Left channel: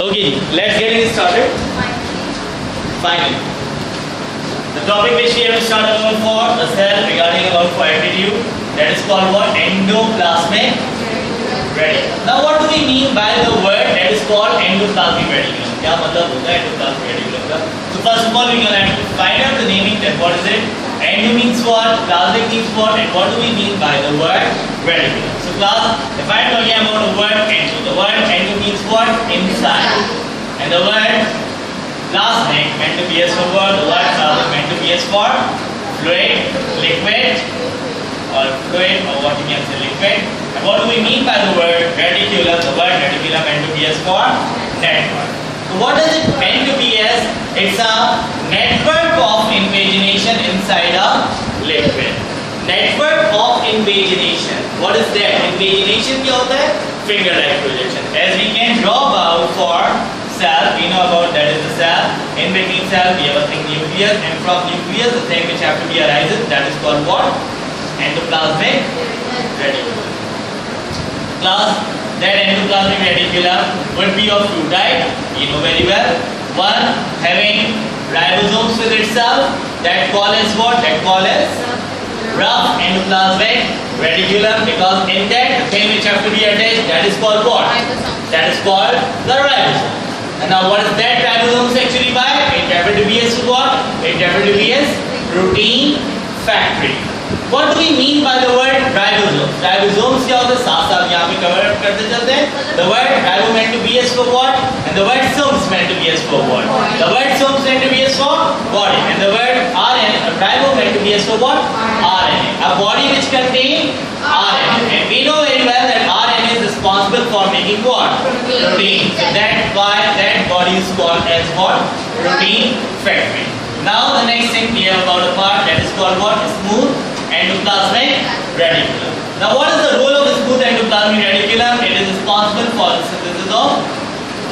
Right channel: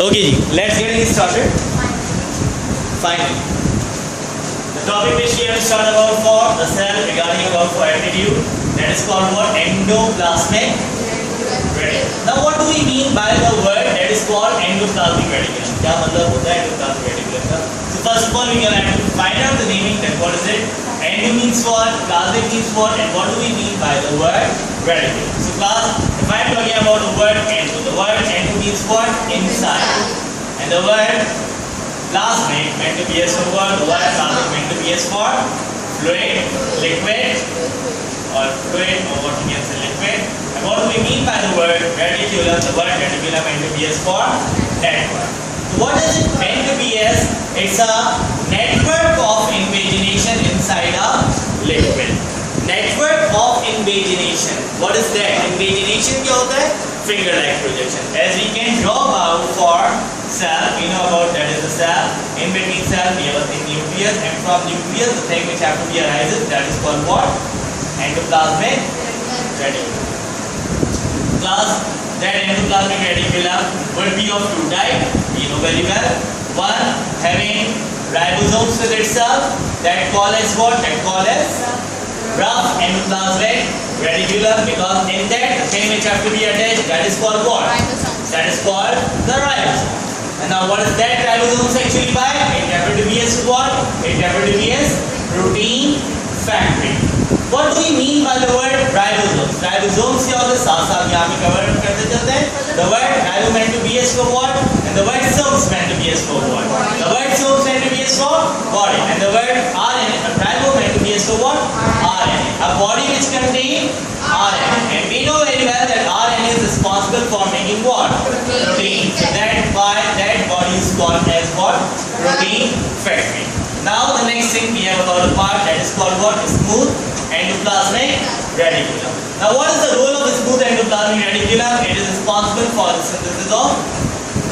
Okay, let's get started. Fine. The topic which we have started about for the cell regarding about for attitude, that is called what? Endoplasmic reticulum. Now what do we mean by the word that is called endoplasmic reticulum? क्या मतलब होता है endoplasmic reticulum का? So first of all we can have to find out the naming, that what is it? Endo means what? Plasmic means what? And what do we mean by the word reticulum? So class, if I am talking about the word endo, the word endo means what? Inside. And the word plasmic meant to be as for what? The word plasmic meant to be as for fluid, liquid, or fluid, or what you can say liquid. And what do we mean by the word reticulum? The word reticulum meant to be as for that word. So what does it meant to be as? It's a network of invagination inside a liquid. Network of invagination. What is that? Invagination क्या होता है? Finger-like projection. As we can draw about for cell, we know about that is the cell. In between cell we have a thing nucleus, and from nucleus the thing which have to be arises, that is called what? Endoplasmic reticulum. Class, that endoplasmic reticulum would be of two types. You know very well. One having ribosomes with itself, that call as what? That call as rough endoplasmic reticulum, because in that the thing which have to be attached, that is called what? That is called the ribosome. And now what is that ribosomes actually by? It happened to be as what? It happened to be as protein factory. What do we mean by the word ribosomes? Ribosomes क्या होता है? साथ-साथ यहाँ पे cover करते चलते हैं. The word ribo meant to be as for what? And the word somes meant to be as for what? The word somes meant to be as for body. And the word RNA, ribo meant to be as for what? RNA. A body which contains RNA. And we know very well that RNA is responsible for making what? Protein. So that's why that body is called as what? Protein factory. Now the next thing we have about a part that is called what? Smooth endoplasmic reticulum. Now what is the role of the smooth endoplasmic reticulum? It is responsible for the synthesis of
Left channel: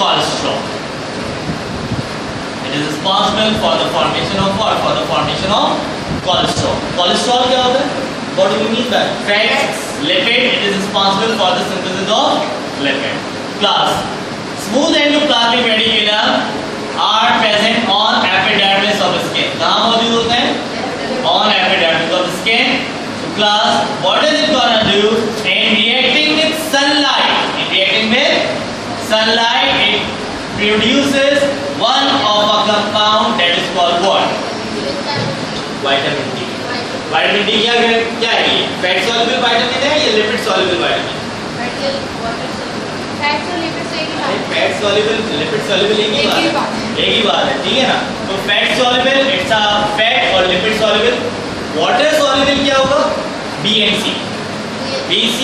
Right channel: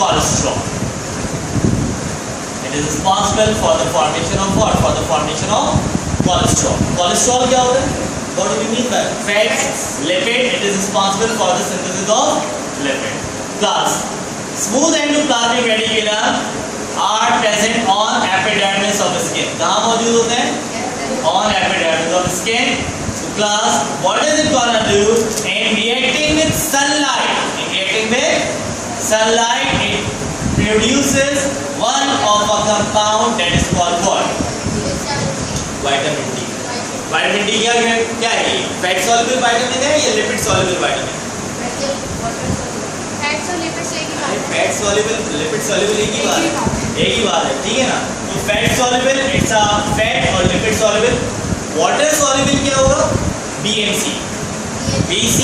cholesterol. It is responsible for the formation of what? For the formation of cholesterol. Cholesterol क्या होता है? What do we mean by fats, lipid? It is responsible for the synthesis of lipid. Class, smooth endoplasmic reticulum are present on epidermis of skin. कहाँ मौजूद होते हैं? On epidermis of skin. So class, what is it gonna do? In reacting with sunlight, it produces one of a compound that is called what? Vitamin D. Vitamin D क्या है ये? Fat soluble vitamin है या lipid soluble vitamin? Fat और lipid से एक ही बात है. फैट soluble, lipid soluble एक ही बात है, ठीक है ना? तो fat soluble, it's a fat और lipid soluble. वाटर soluble क्या होगा? B and C. BC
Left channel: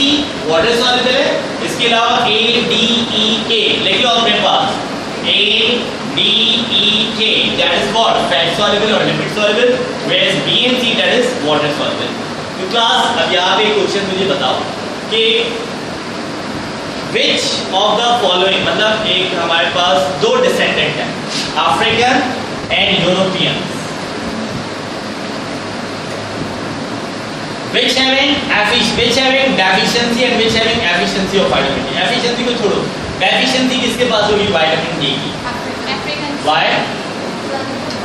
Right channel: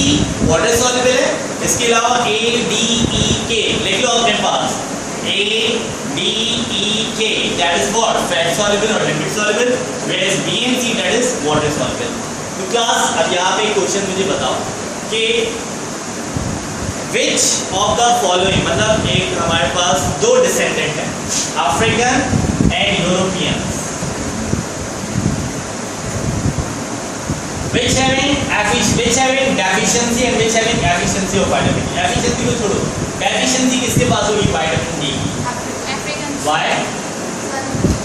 water soluble है. इसके अलावा A, D, E, K लिखिए अपने पास. A, D, E, K, that is what? Fat soluble और lipid soluble. Whereas B and C, that is water soluble. तो class, अब यहाँ पे क्वेश्चन मुझे बताओ कि Which of the following, मतलब एक हमारे पास दो डिसेंडेंट हैं, African and Europeans, which having deficiency and which having efficiency of vitamin D. Efficiency को छोड़ो, deficiency किसके पास होगी? vitamin D की. Africans. Why?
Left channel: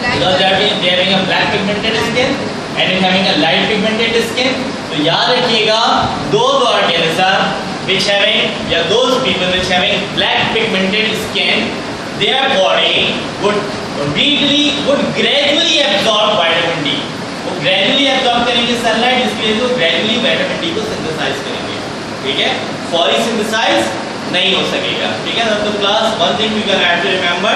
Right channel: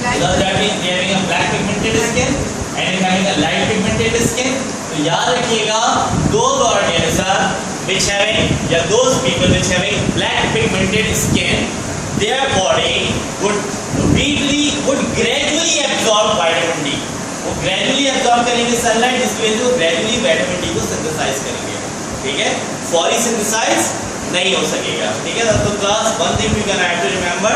Because they are having a black pigmented skin and is having a light pigmented skin. तो याद रखिएगा, those organisms which having, yeah, those people which having black pigmented skin, their body would gradually absorb vitamin D. वो gradually absorb करेंगे sunlight, इसकी वजह से वो gradually vitamin D को synthesize करेंगे. ठीक है? Fully synthesize नहीं हो सकेगा. ठीक है ना? तो class, one thing we can have to remember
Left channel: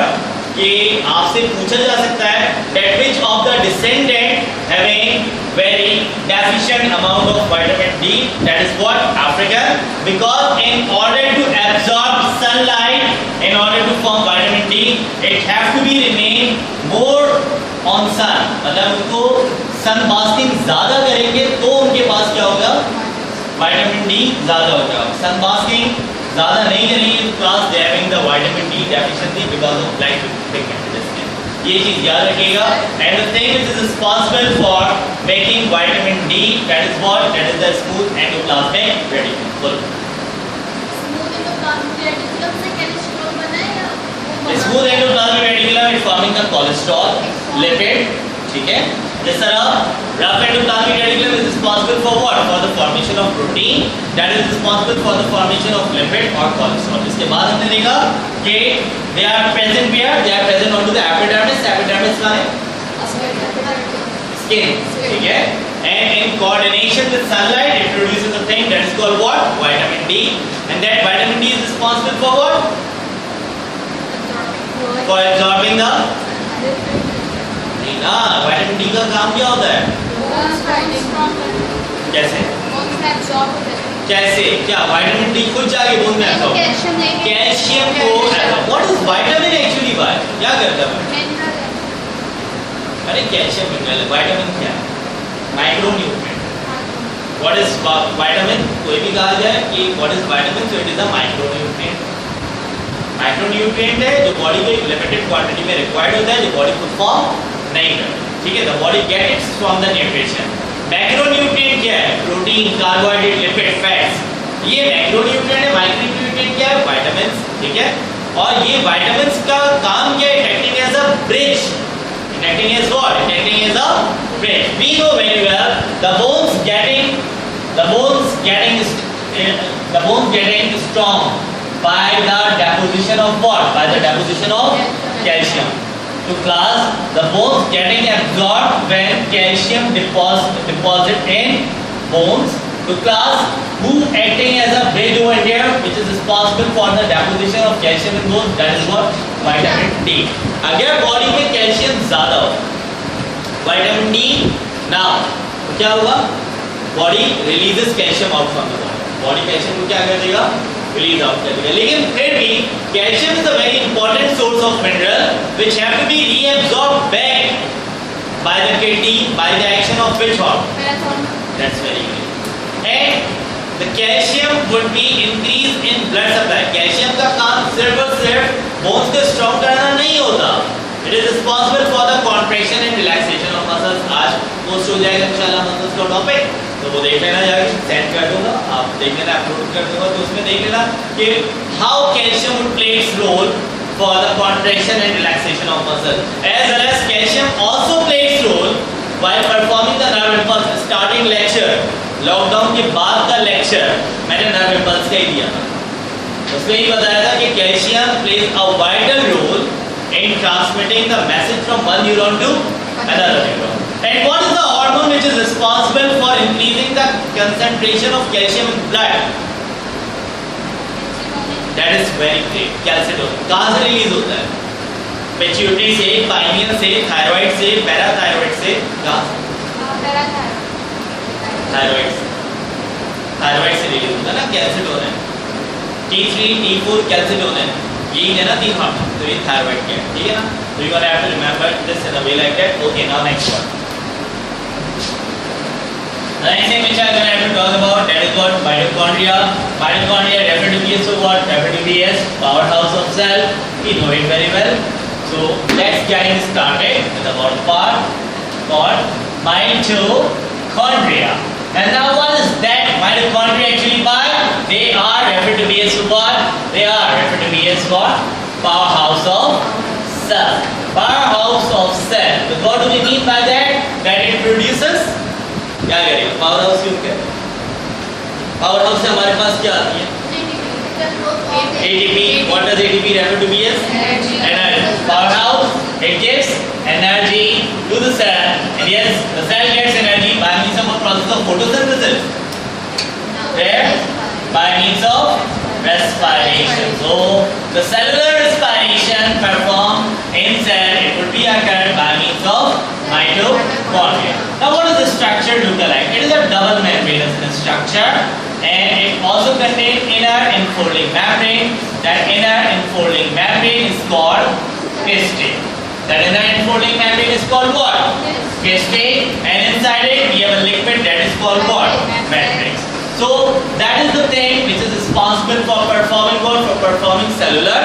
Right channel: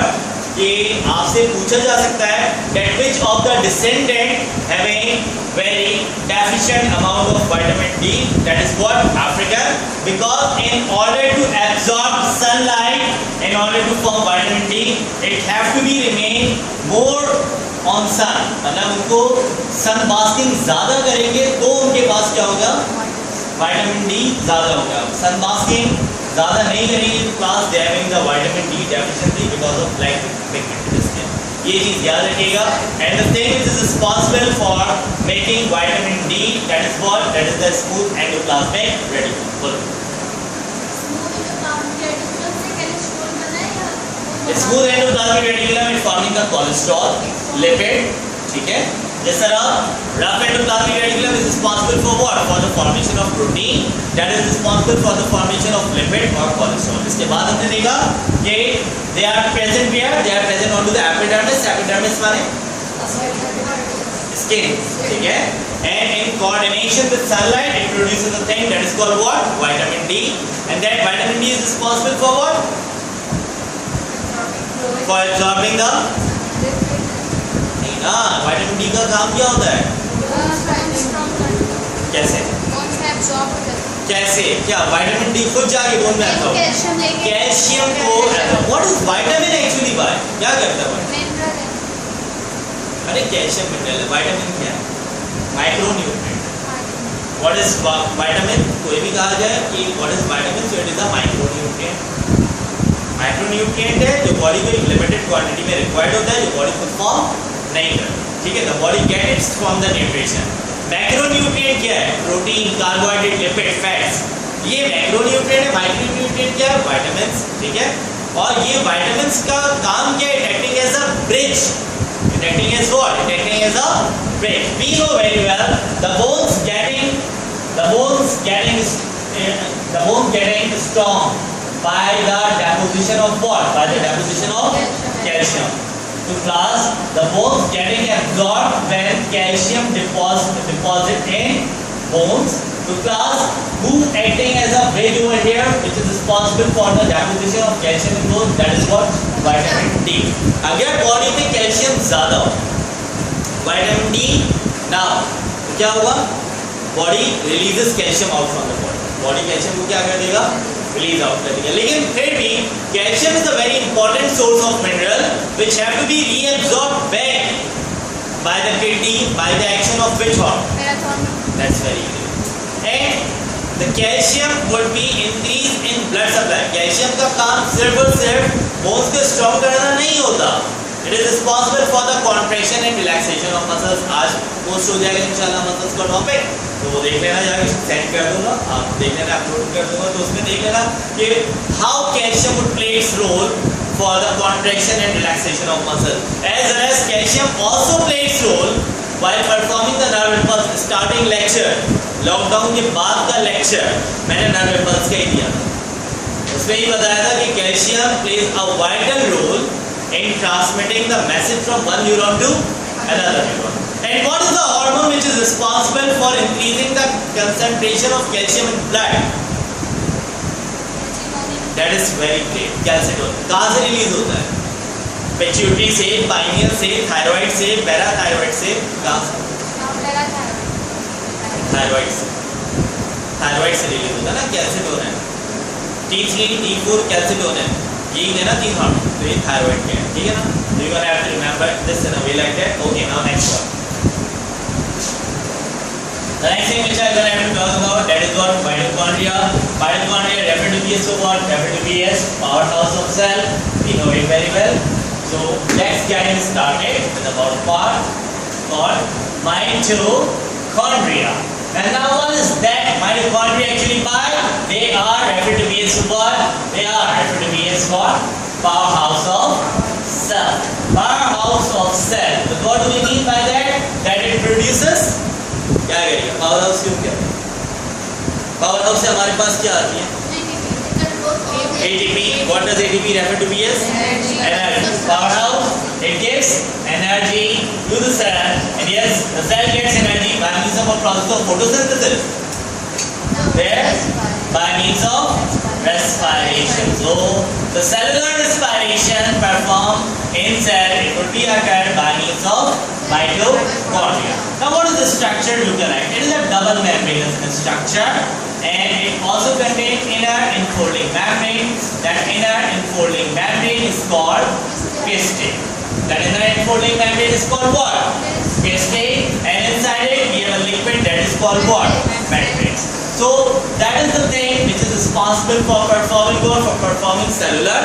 कि आपसे पूछा जा सकता है that which of the descendant having very deficient amount of vitamin D, that is what? African. Because in order to absorb sunlight, in order to form vitamin D, it have to be remain more on sun. मतलब उनको sun basking ज़्यादा करेंगे तो उनके पास क्या होगा? vitamin D ज़्यादा होगा. sun basking ज़्यादा नहीं करेंगे तो class they having the vitamin D deficiency because of black pigmented skin. ये चीज़ याद रखिएगा. And the thing which is responsible for making vitamin D, that is what? That is the smooth endoplasmic reticulum. Smooth endoplasmic reticulum से cholesterol बना है या in forming the cholesterol, lipid, ठीक है. जिस तरह rough endoplasmic reticulum is responsible for what? For the formation of protein that is responsible for the formation of lipid or cholesterol. इसके बाद हमने देखा कि they are present where? They are present onto the epidermis. Epidermis माने skin, ठीक है. And in coordination with sunlight, it produces a thing that is called what? Vitamin D. And that vitamin D is responsible for what? For absorbing the नहीं ना, vitamin D का काम क्या होता है? कैसे? कैसे? क्या vitamin D खुद जाके बोन में absorb? कैल्शियम को what is vitamin actually by? क्या करता है? अरे कैल्शियम मिनरल है, vitamin क्या है? Micronutrient. What is vitamin? कोई भी कहा जाए कि what is vitamin, so it is a micronutrient. Micronutrient है जो बॉडी को एक लिमिटेड क्वांटिटी में रिक्वायर्ड होता है, जो बॉडी को फॉर्म नहीं करता, ठीक है. The body get it's from the nutrition. Macronutrient क्या है? Protein, carbohydrate, lipid, fats. ये मैक्रोन्यूट्रिएंट है. माइक्रोन्यूट्रिएंट क्या है? विटामिन्स, ठीक है. और ये विटामिन्स का काम क्या है? Acting as a bridge. Acting as what? Acting as a bridge. We know very well the bones getting strong by the deposition of what? By the deposition of calcium. To class, the bones getting absorbed when calcium deposit in bones. To class, who acting as a bridge over here, which is responsible for the deposition of calcium in bones, that is what? Vitamin D. अगर body में calcium ज्यादा हो, vitamin D ना, क्या होगा? Body releases calcium out from the body. Body calcium को क्या कर देगा? रिलीज आउट कर देगा. लेकिन फिर भी calcium is a very important source of mineral which have to be reabsorbed back by the kidney by the action of which hormone? That's very clear. And the calcium would be increased in blood supply. Calcium का काम सिर्फ और सिर्फ bones को strong कराना नहीं होता. It is responsible for the contraction and relaxation of muscles. आज पोस्ट हो जाएगा इंशाल्लाह मसल्स का टॉपिक, तो वो देख लेना, जाकर सेंड कर दूंगा, आप देख लेना, अपलोड कर दूंगा, तो उसमें देख लेना कि how calcium would play its role for the contraction and relaxation of muscle, as well as calcium also plays its role while performing the nerve impulse. Starting lecture, lockdown के बाद का लेक्चर मैंने नर्व इम्पल्स का ही दिया था. उसमें ही बताया था कि calcium plays a vital role in transmitting the message from one neuron to another neuron. And what is the hormone which is responsible for increasing the concentration of calcium in blood? That is very great. calcitonin. कहाँ से release होता है? Pituitary से, pineal से, thyroid से, parathyroid से, कहाँ से? थायराइड से. थायराइड से रिलीज होता है ना कैल्सिटोनिन. T3, T4 calcitonin. यही है ना तीन हार्मोन. तो ये थायराइड के हैं, ठीक है ना. So you have to remember this in a way like that. Okay, now next one. The next thing which I am going to talk about, that is what mitochondria. Mitochondria referred to be as what? Referred to be as powerhouse of cell. We know it very well. So let's get it started with about part called mitochondria. And now what is that mitochondria actually by? They are referred to be as what? They are referred to be as what? Powerhouse of cell. Powerhouse of cell. So what do we mean by that? That it produces क्या करेगा? Powerhouse क्यों क्या? Powerhouse से हमारे पास क्या आती है? ATP. What does ATP refer to be as? Energy. Powerhouse. It gives energy to the cell, and yes, the cell gets energy by means of a process of photosynthesis. Where? By means of respiration. So the cellular respiration performed in cell, it would be occurred by means of mitochondria. Now what does the structure look like? It is a double membranous structure, and it also contains inner enfolding membrane. That inner enfolding membrane is called pistil. That inner enfolding membrane is called what? Pistil. And inside it we have a liquid that is called what? Matrix. So that is the thing which is responsible for performing what? For performing cellular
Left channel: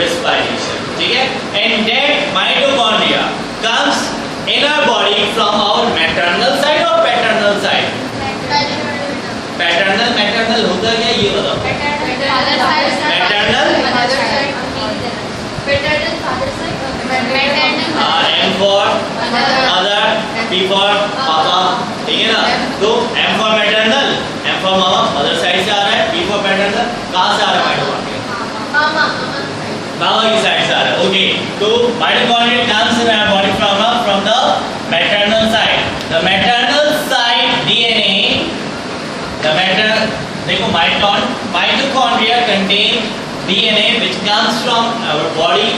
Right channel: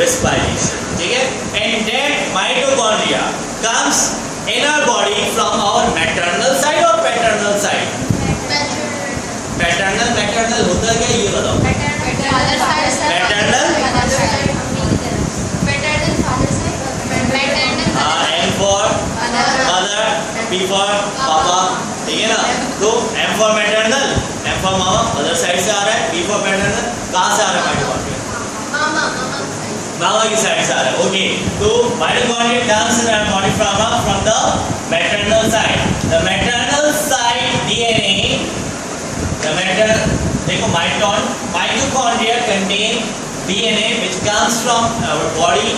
respiration. Okay? And that mitochondria comes in our body from our maternal side or paternal side? Maternal. Maternal होता क्या ये बताओ? Maternal. Maternal. for Mother. mother, P for पापा, ठीक है ना? तो M for maternal, M for mama, mother side से आ रहा है, P for paternal, कहाँ से आ रहा है माइटोकॉन्ड्रिया? मामा की साइड से आ रहा है, ओके। तो mitochondria comes in our body from the maternal side. The maternal side DNA, the maternal, देखो mitochondria contain DNA which comes from our body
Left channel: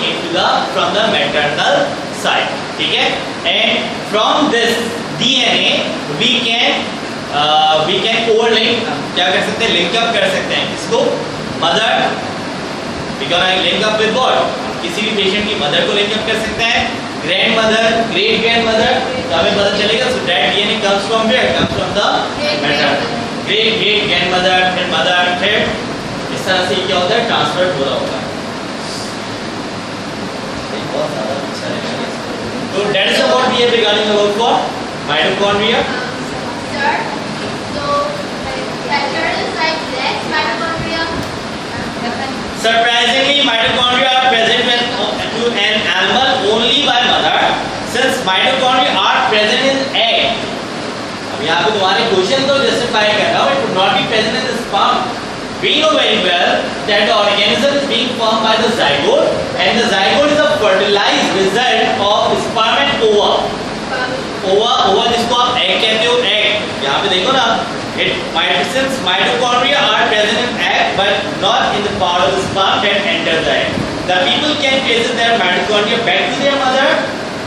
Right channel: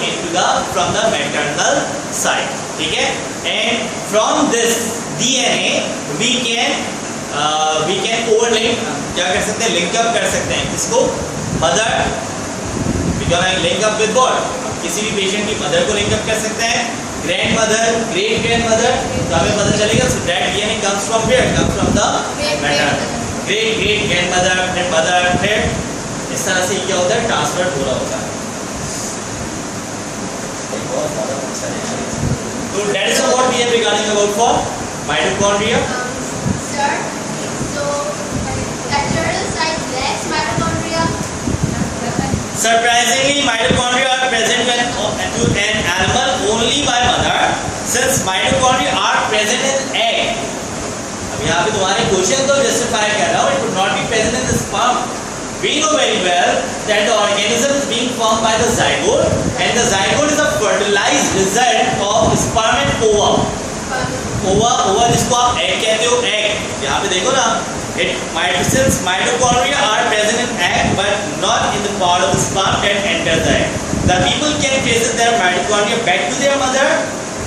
from the maternal side, ठीक है? And from this DNA we can overlink, क्या कर सकते हैं? Link up कर सकते हैं किसको? Mother, we can link up with what? किसी भी पेशेंट की मदर को लिंक अप कर सकते हैं, grand mother, great grand mother, तो हमें पता चलेगा so that DNA comes from where? Comes from the maternal. Great great grand mother, फिर इस तरह से क्या होता है? ट्रांसफर हो रहा होता है। बहुत ज़्यादा अच्छा है। तो that is what we have regarding about for mitochondria. Sir, so maternal side less mitochondria. Surprisingly, mitochondria are present to an animal only by mother. Since mitochondria are present in egg. अब यहाँ पे तुम्हारे question तो justify कर रहा हूँ, it would not be present in the sperm. We know very well that the organism is being formed by the zygote, and the zygote is a fertilized result of sperm and ova. Ova जिसको आप egg कहते हो, egg. यहाँ पे देखो ना, since mitochondria are present in egg but not in the part of the sperm that enters the egg. The people can trace their mitochondria back to their mother,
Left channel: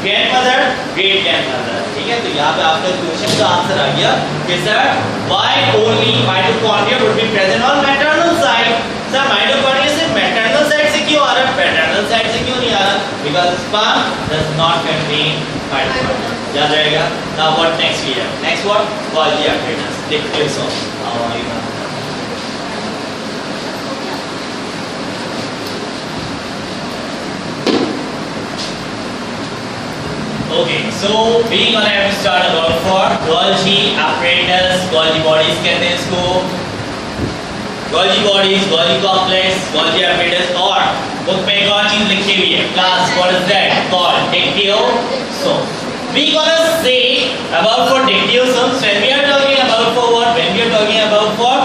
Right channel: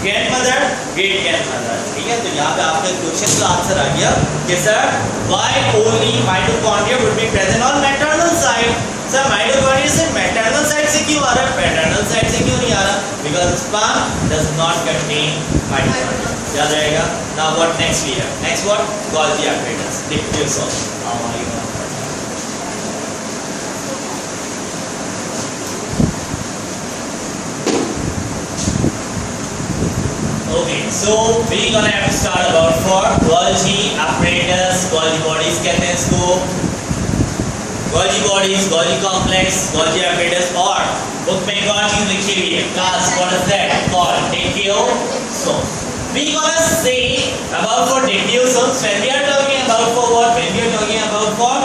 grandmother, great grandmother. ठीक है? तो यहाँ पे आपका question का answer आ गया कि sir why only mitochondria would be present on maternal side? Sir mitochondria से maternal side से क्यों आ रहा है, paternal side से क्यों नहीं आ रहा? Because sperm does not contain mitochondria. याद रहेगा? Now what next we have? Next what? Golgi apparatus. Dictates of हमारी बात। Okay, so we gonna have to start about for Golgi apparatus, Golgi bodies कहते हैं इसको, Golgi bodies, Golgi complex, Golgi apparatus, और book में एक और चीज लिखी हुई है, class, what is that called? Dictyosomes. We gonna say about for dictyosomes when we are talking about for what? When we are talking about for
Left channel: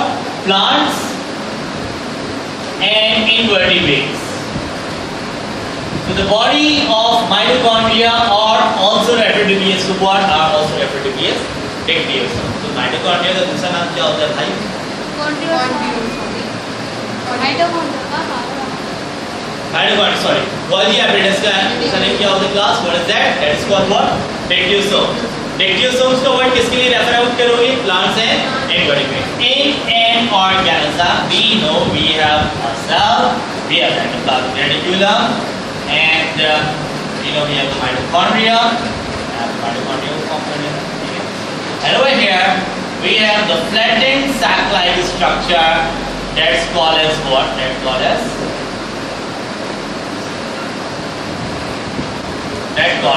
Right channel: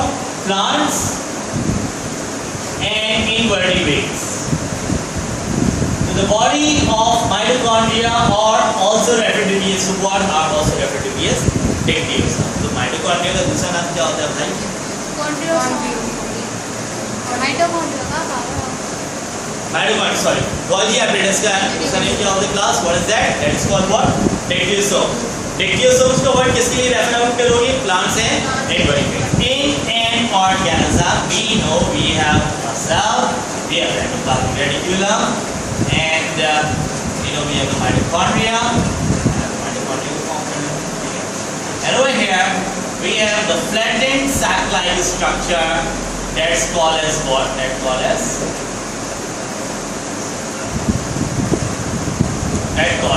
plants and invertebrates. So the body of mitochondria are also referred to be as what? Are also referred to be as dictyosomes. तो mitochondria का दूसरा नाम क्या होता है भाई? Mitochondria, sorry. Golgi apparatus का दूसरा नाम क्या होता है class? What is that? That is called what? Dictyosomes. Dictyosomes का word किसके लिए रेफर आउट करोगे? Plants and invertebrates. In an organism, we know we have a cell, we have the endoplasmic reticulum, and we have the mitochondria, mitochondrial component. And over here we have the flattened sac-like structure that's called as what? That's called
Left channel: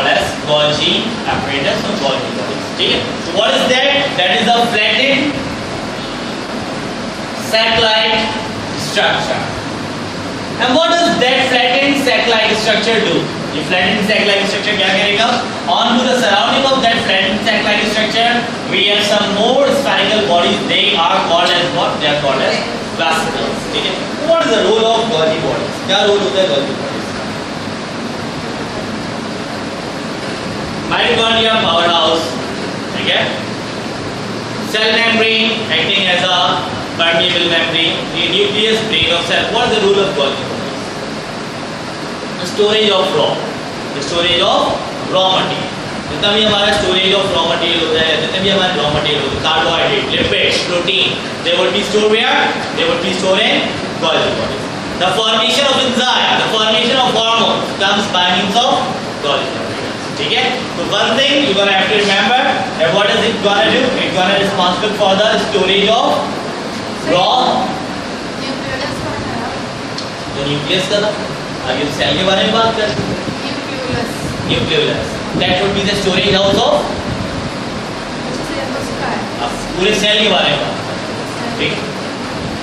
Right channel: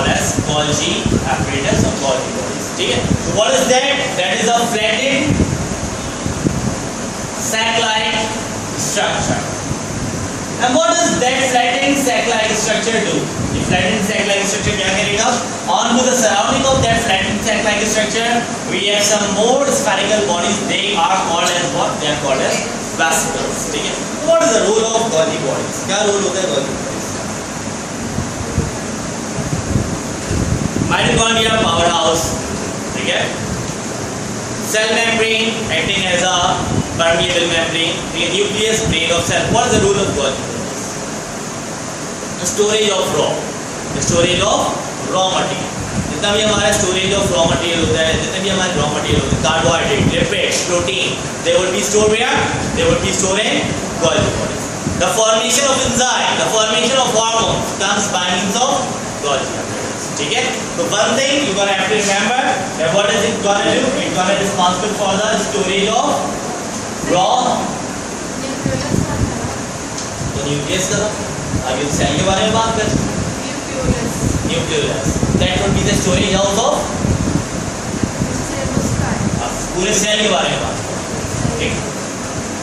as Golgi apparatus or Golgi bodies. Okay? So what is that? That is a flattened sac-like structure. And what does that flattened sac-like structure do? ये flattened sac-like structure क्या करेगा? Onto the surrounding of that flattened sac-like structure, we have some more spherical bodies. They are called as what? They are called as vesicles. ठीक है? What is the role of Golgi bodies? क्या role होता है Golgi bodies? Mitochondria powerhouse. ठीक है? Cell membrane acting as a permeable membrane. The nucleus brain of cell. What is the role of Golgi bodies? The storage of raw. The storage of raw material. जितना भी हमारा storage of raw material होता है, जितने भी हमारे raw material होते हैं, carbohydrate, lipids, protein, they would be stored where? They would be stored in Golgi bodies. The formation of enzyme, the formation of hormones comes by means of Golgi bodies. ठीक है? तो one thing you gonna have to remember that what is it gonna do? It's gonna be responsible for the storage of raw. तो nucleus का था, अभी cell के बारे में बात कर। Nucleus that would be the storage house of, अब पूरे सेल के बारे में बात कर। ठीक,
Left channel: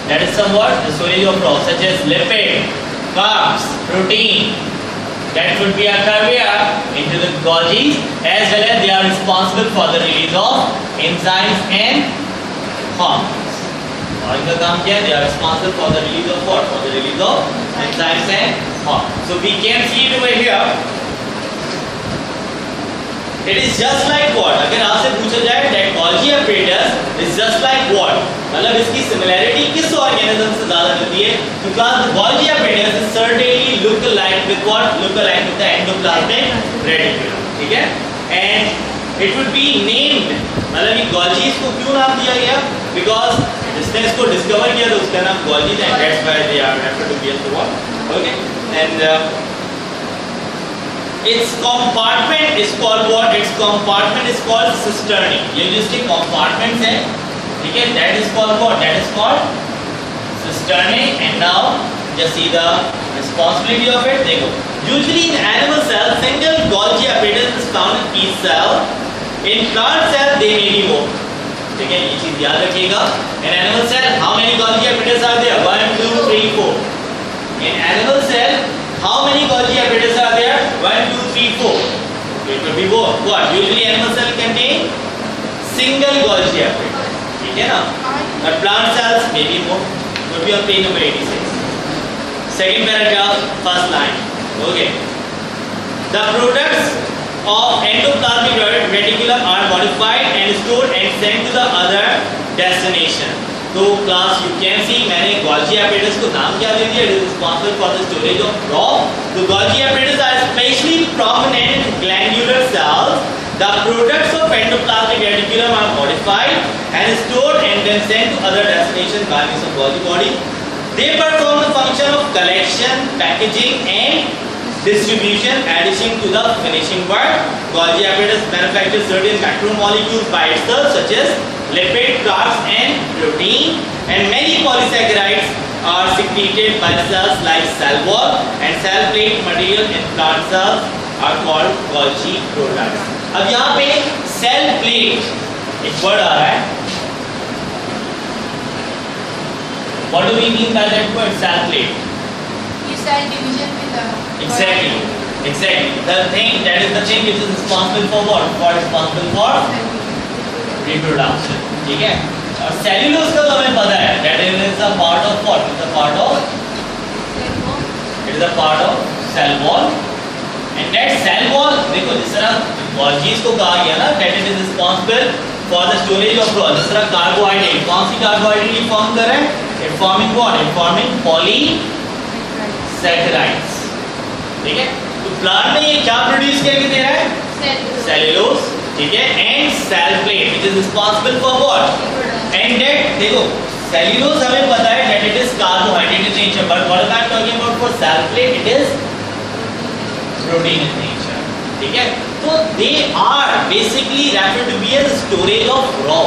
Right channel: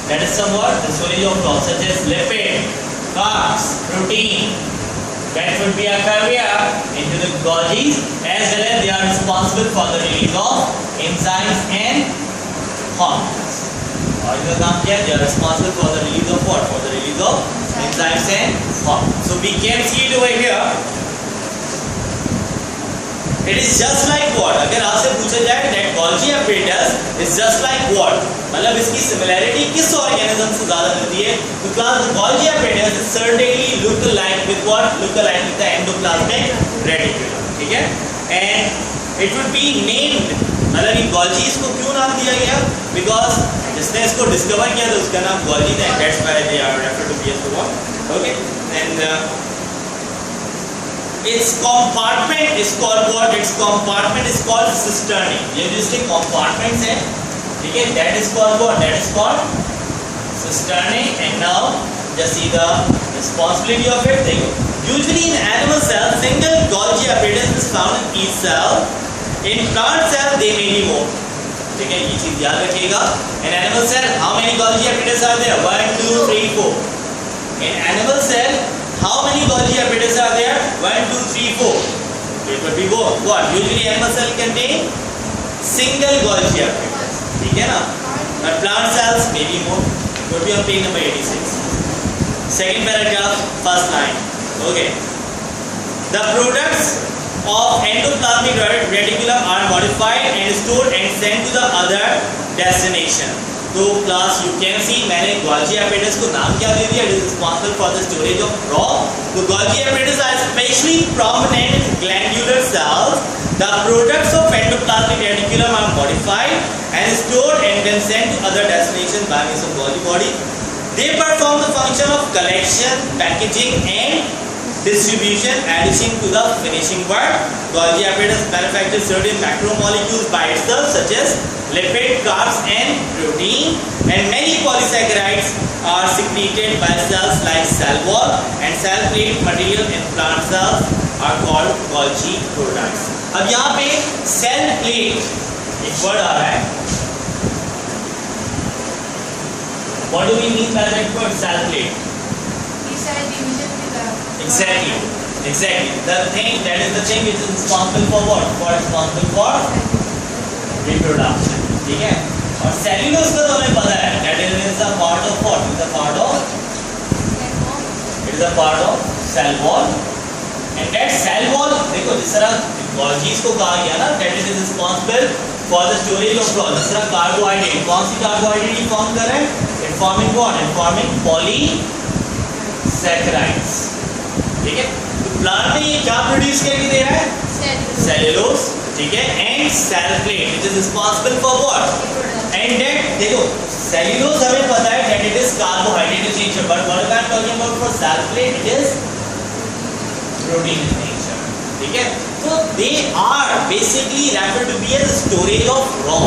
that is somewhat the storage of raw such as lipid, carbs, protein, that would be a carrier into the Golgi, as well as they are responsible for the release of enzymes and hormones. और इनका काम क्या है? They are responsible for the release of what? For the release of enzymes and hormones. So we can see it over here. It is just like what? अगर आपसे पूछा जाए that Golgi apparatus is just like what? मतलब इसकी similarity किस organism से ज्यादा मिलती है? तो class the Golgi apparatus is certainly look alike with what? Look alike with the endoplasmic reticulum. ठीक है? And it would be named. मतलब ये Golgi इसको क्यों नाम दिया गया? Because जिसने इसको डिस्कवर किया तो उसका नाम Golgi था. That's why they are referred to be as the what? Okay? And its compartment is called what? Its compartment is called cisternae. ये जो इसके compartments हैं, ठीक है? That is called what? That is called cisternae. And now just see the responsibility of it. देखो, usually in animal cells, single Golgi apparatus is found in each cell. In plant cells, they may be more. ठीक है? ये चीज याद रखिएगा. In animal cell, how many Golgi apparatus are there? 1, 2, 3, 4. In animal cell, how many Golgi apparatus are there? 1, 2, 3, 4. It will be more. What? Usually animal cell contain single Golgi apparatus. ठीक है ना? But plant cells may be more. Could be on page number 86. Second paragraph, first line. Okay. The products of endoplasmic reticulum are modified and stored and sent to the other destination. तो class you can see मैंने Golgi apparatus को नाम क्या दे दिया? It is responsible for the storage of raw. तो Golgi apparatus are especially prominent in glandular cells. The products of endoplasmic reticulum are modified and stored and then sent to other destinations by means of Golgi body. They perform the function of collection, packaging and distribution, addition to the finishing work. Golgi apparatus manufactures certain macromolecules by itself, such as lipid, carbs and protein, and many polysaccharides are secreted by cells like cell wall and cell plate material in plant cells are called Golgi products. अब यहाँ पे cell plate एक word आ रहा है. What do we mean by that word cell plate? Cell division with the Exactly. The thing that is the thing which is responsible for what? Responsible for reproduction. ठीक है? और cellulose का तो हमें पता है that it is a part of what? It is a part of cell wall. And that cell wall देखो जिस तरह Golgi को कहा गया ना that it is responsible for the storage of raw. जिस तरह कार्बोहाइड्रेट कौन सी कार्बोहाइड्रेट फॉर्म कर रहे हैं? It forming what? It forming polysaccharides. ठीक है? तो प्लांट में ये क्या प्रोड्यूस करके दे रहा है? सेल्यूलोज. ठीक है? And cell plate which is responsible for what? And that देखो सेल्यूलोज हमें पता है that it is carbohydrate in nature, but what I am talking about for cell plate it is protein in nature. ठीक है? तो they are basically referred to be as storage of raw.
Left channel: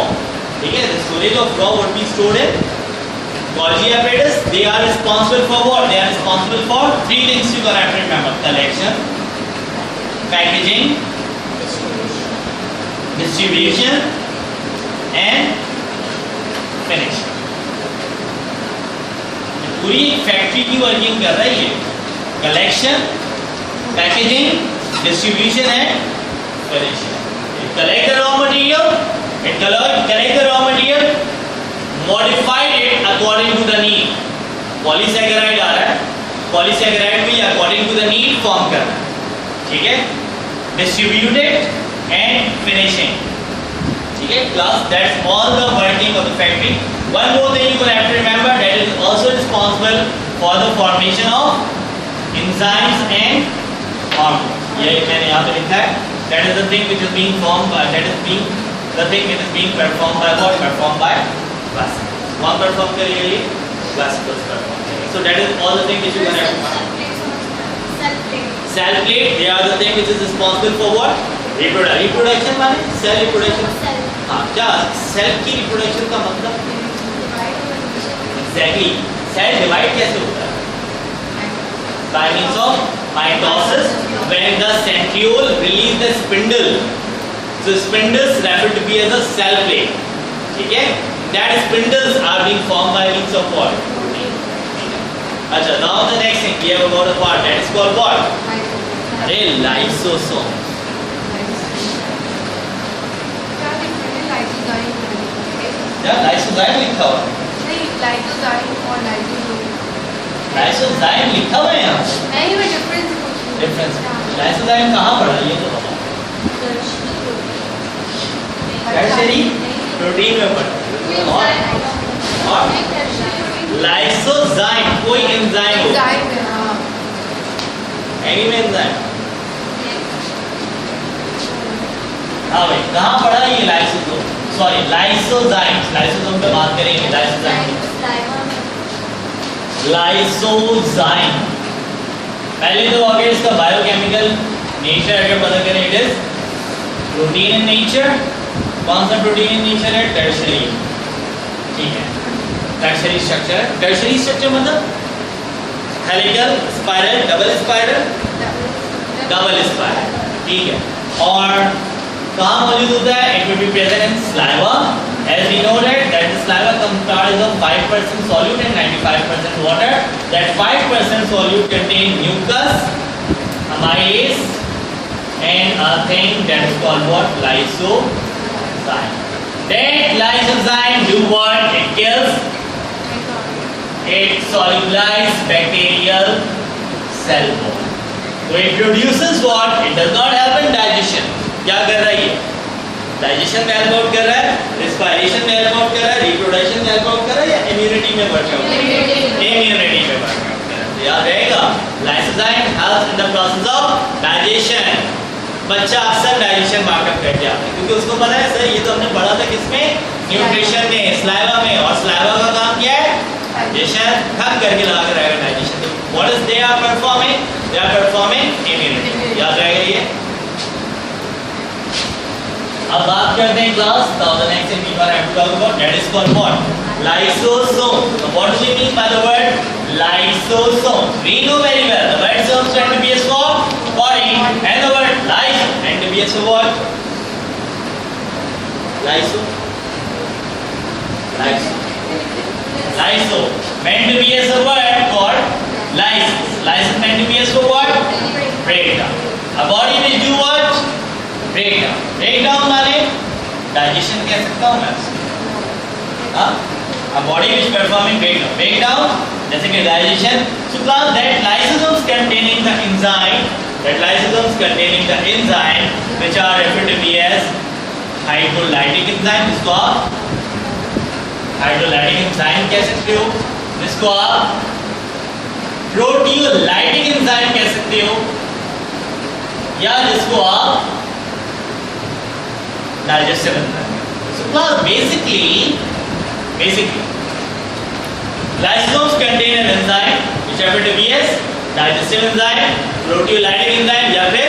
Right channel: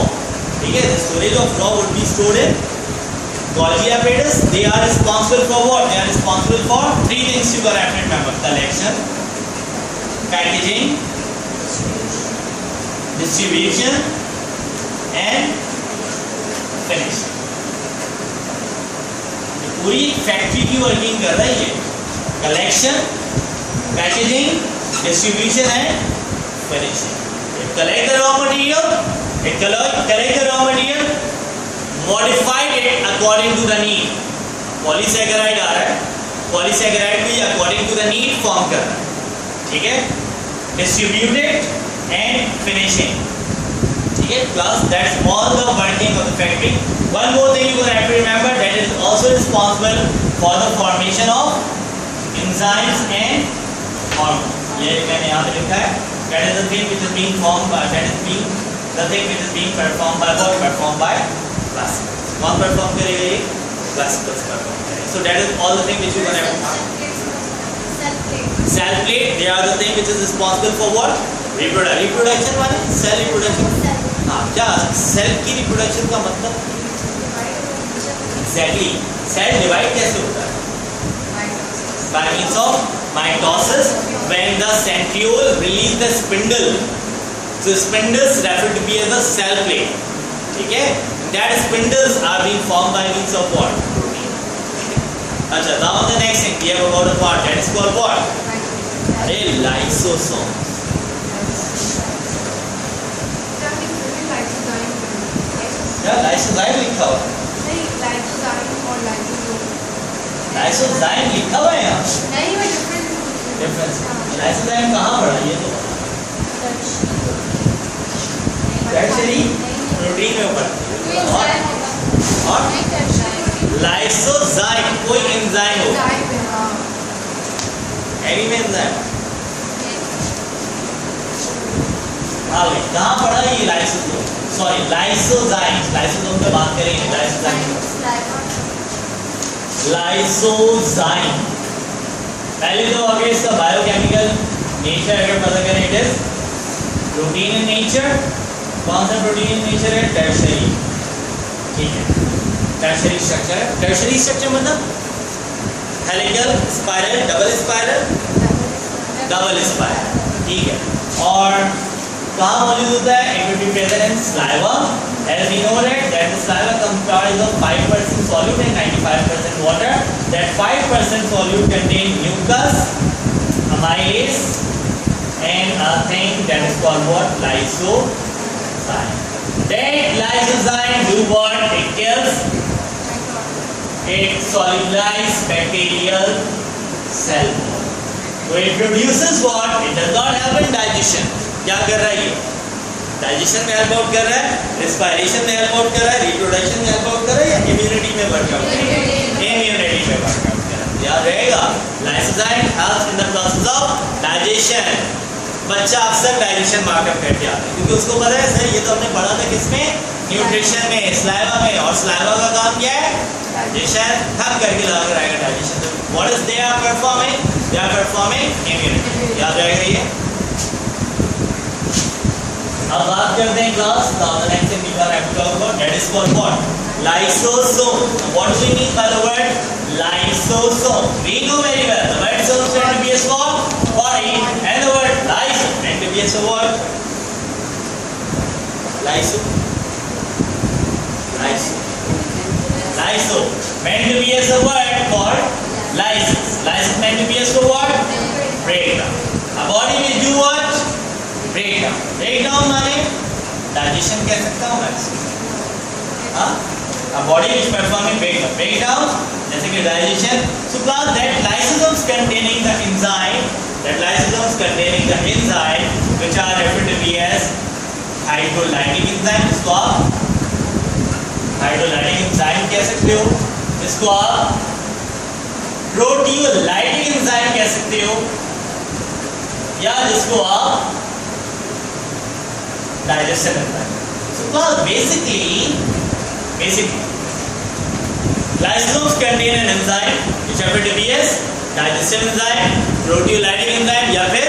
ठीक है? The storage of raw would be stored in Golgi apparatus. They are responsible for what? They are responsible for three things you have to remember: collection, packaging, distribution, and finishing. पूरी factory की working कर रहा है ये. Collection, packaging, distribution and finishing. It collect the raw material. Collect the raw material. Modified it according to the need. Polysaccharide आ रहा है. Polysaccharide भी according to the need form कर रहा है. ठीक है? Distributed and finishing. ठीक है? Class, that's all the working of the factory. One more thing you have to remember, that is also responsible for the formation of enzymes and hormones. ये मैंने यहाँ पे लिखा है. That is the thing which is being formed by. The thing which is being performed by what? Performed by vesicles. कौन perform करेंगे ये? Vesicles perform करेंगे. So that is all the thing which you gonna have. Cell plate. They are the thing which is responsible for what? Reproduction माने cell reproduction. हाँ क्या? Cell की reproduction का मतलब? Exactly. Cell divide कैसे होता है? By means of mitosis. When the centriole release the spindle. So spindles referred to be as a cell plate. ठीक है? That spindles are being formed by means of what? अच्छा, now the next thing we have about a part that is called what? अरे lysosome क्या lysozyme लिखा हुआ? Lysozyme लिखा हुआ है यहाँ डिफरेंस। लाइसोजाइम कहाँ पड़ा ये तो बता। टर्शियरी प्रोटीन में पड़ा और लाइसोजाइम कोई एंजाइम हो एनी में एंजाइम। हाँ भाई कहाँ पड़ा ये लाइसोसोम सॉरी लाइसोजाइम। लाइसोसोम पे बात करेंगे। लाइसोजाइम पहले तो अगर इसका बायोकेमिकल नेचर अगर पता करें it is protein in nature. कौन सा प्रोटीन इन नेचर है? टर्शियरी। ठीक है टर्शियरी स्ट्रक्चर। टर्शियरी स्ट्रक्चर मतलब हेलिकल स्पाइरल डबल स्पाइरल ठीक है। और कहाँ मौजूद होता है? It will be present in saliva as we know that the saliva comprises of 5% solute and 95% water. That 5% solute contain mucus, amylase and a thing that is called what? Lysozyme. That lysozyme do what? It kills, it solubilizes bacterial cell wall. So it produces what? It does not help in digestion. क्या कर रहा है ये? Digestion में help out कर रहा है, respiration में हेल्प आउट कर रहा है, रिप्रोडक्शन में हेल्प आउट कर रहा है या इम्यूनिटी में वर्कआउट कर रहा है? इम्यूनिटी में वर्कआउट कर रहा है। याद रहेगा lysozyme helps in the process of digestion. बच्चा अक्सर डाइजेशन मार्कर करके आता है क्योंकि उसको पता है सर ये तो हमने पढ़ा था किसमें? न्यूट्रिशन में, स्लाइवा में। और स्लाइवा का काम क्या है? डाइजेशन थक करके ला कर आएगा डाइजेशन। तो what is they are performing? They are performing immunity. याद रहेगा ये। अब बात करते हैं class the next thing we are have to talk about that is called what? Lysosome. What do we mean by the word lysosome? We know very well the word some stand to be S for body and the word lyse and to be S for what? Lyso meant to be as a word called lysis. Lysis meant to be as for what? Breakdown. A body will do what? Breakdown. Breakdown माने digestion कह सकता हूँ मैं इसको। हाँ? A body which performing breakdown जैसे कि digestion. So class that lysosomes containing the enzyme which are referred to be as hydrolytic enzyme. इसको आप हाइड्रोलाइटिक एंजाइम कह सकते हो, जिसको आप प्रोटियोलाइटिक एंजाइम कह सकते हो, या जिसको आप digestive enzyme. So basically lysosomes contain an enzyme which happen to be as digestive enzyme, proteolytic enzyme या फिर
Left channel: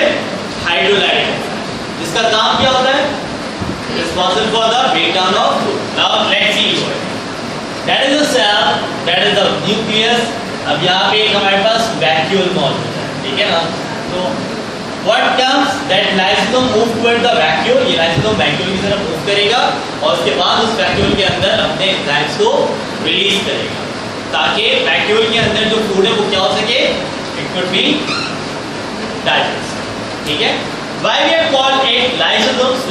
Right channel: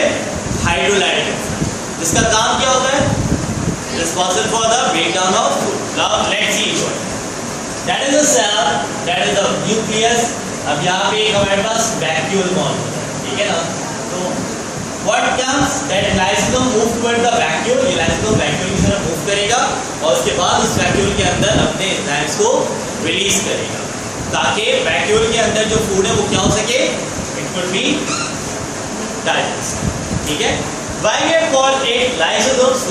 हाइड्रोलाइटिक enzyme, जिसका काम क्या होता है? Responsible for the breakdown of food. Now let's see what that is a cell, that is the nucleus. अब यहाँ पे एक हमारे पास vacuole मौजूद है, ठीक है ना? तो what comes that lysosome move toward the vacuole. ये lysosome vacuole की तरफ move करेगा और उसके बाद उस vacuole के अंदर अपने enzymes को release करेगा ताकि vacuole के अंदर जो food है वो क्या हो सके? It could be digested, ठीक है? Why we have called it lysosomes?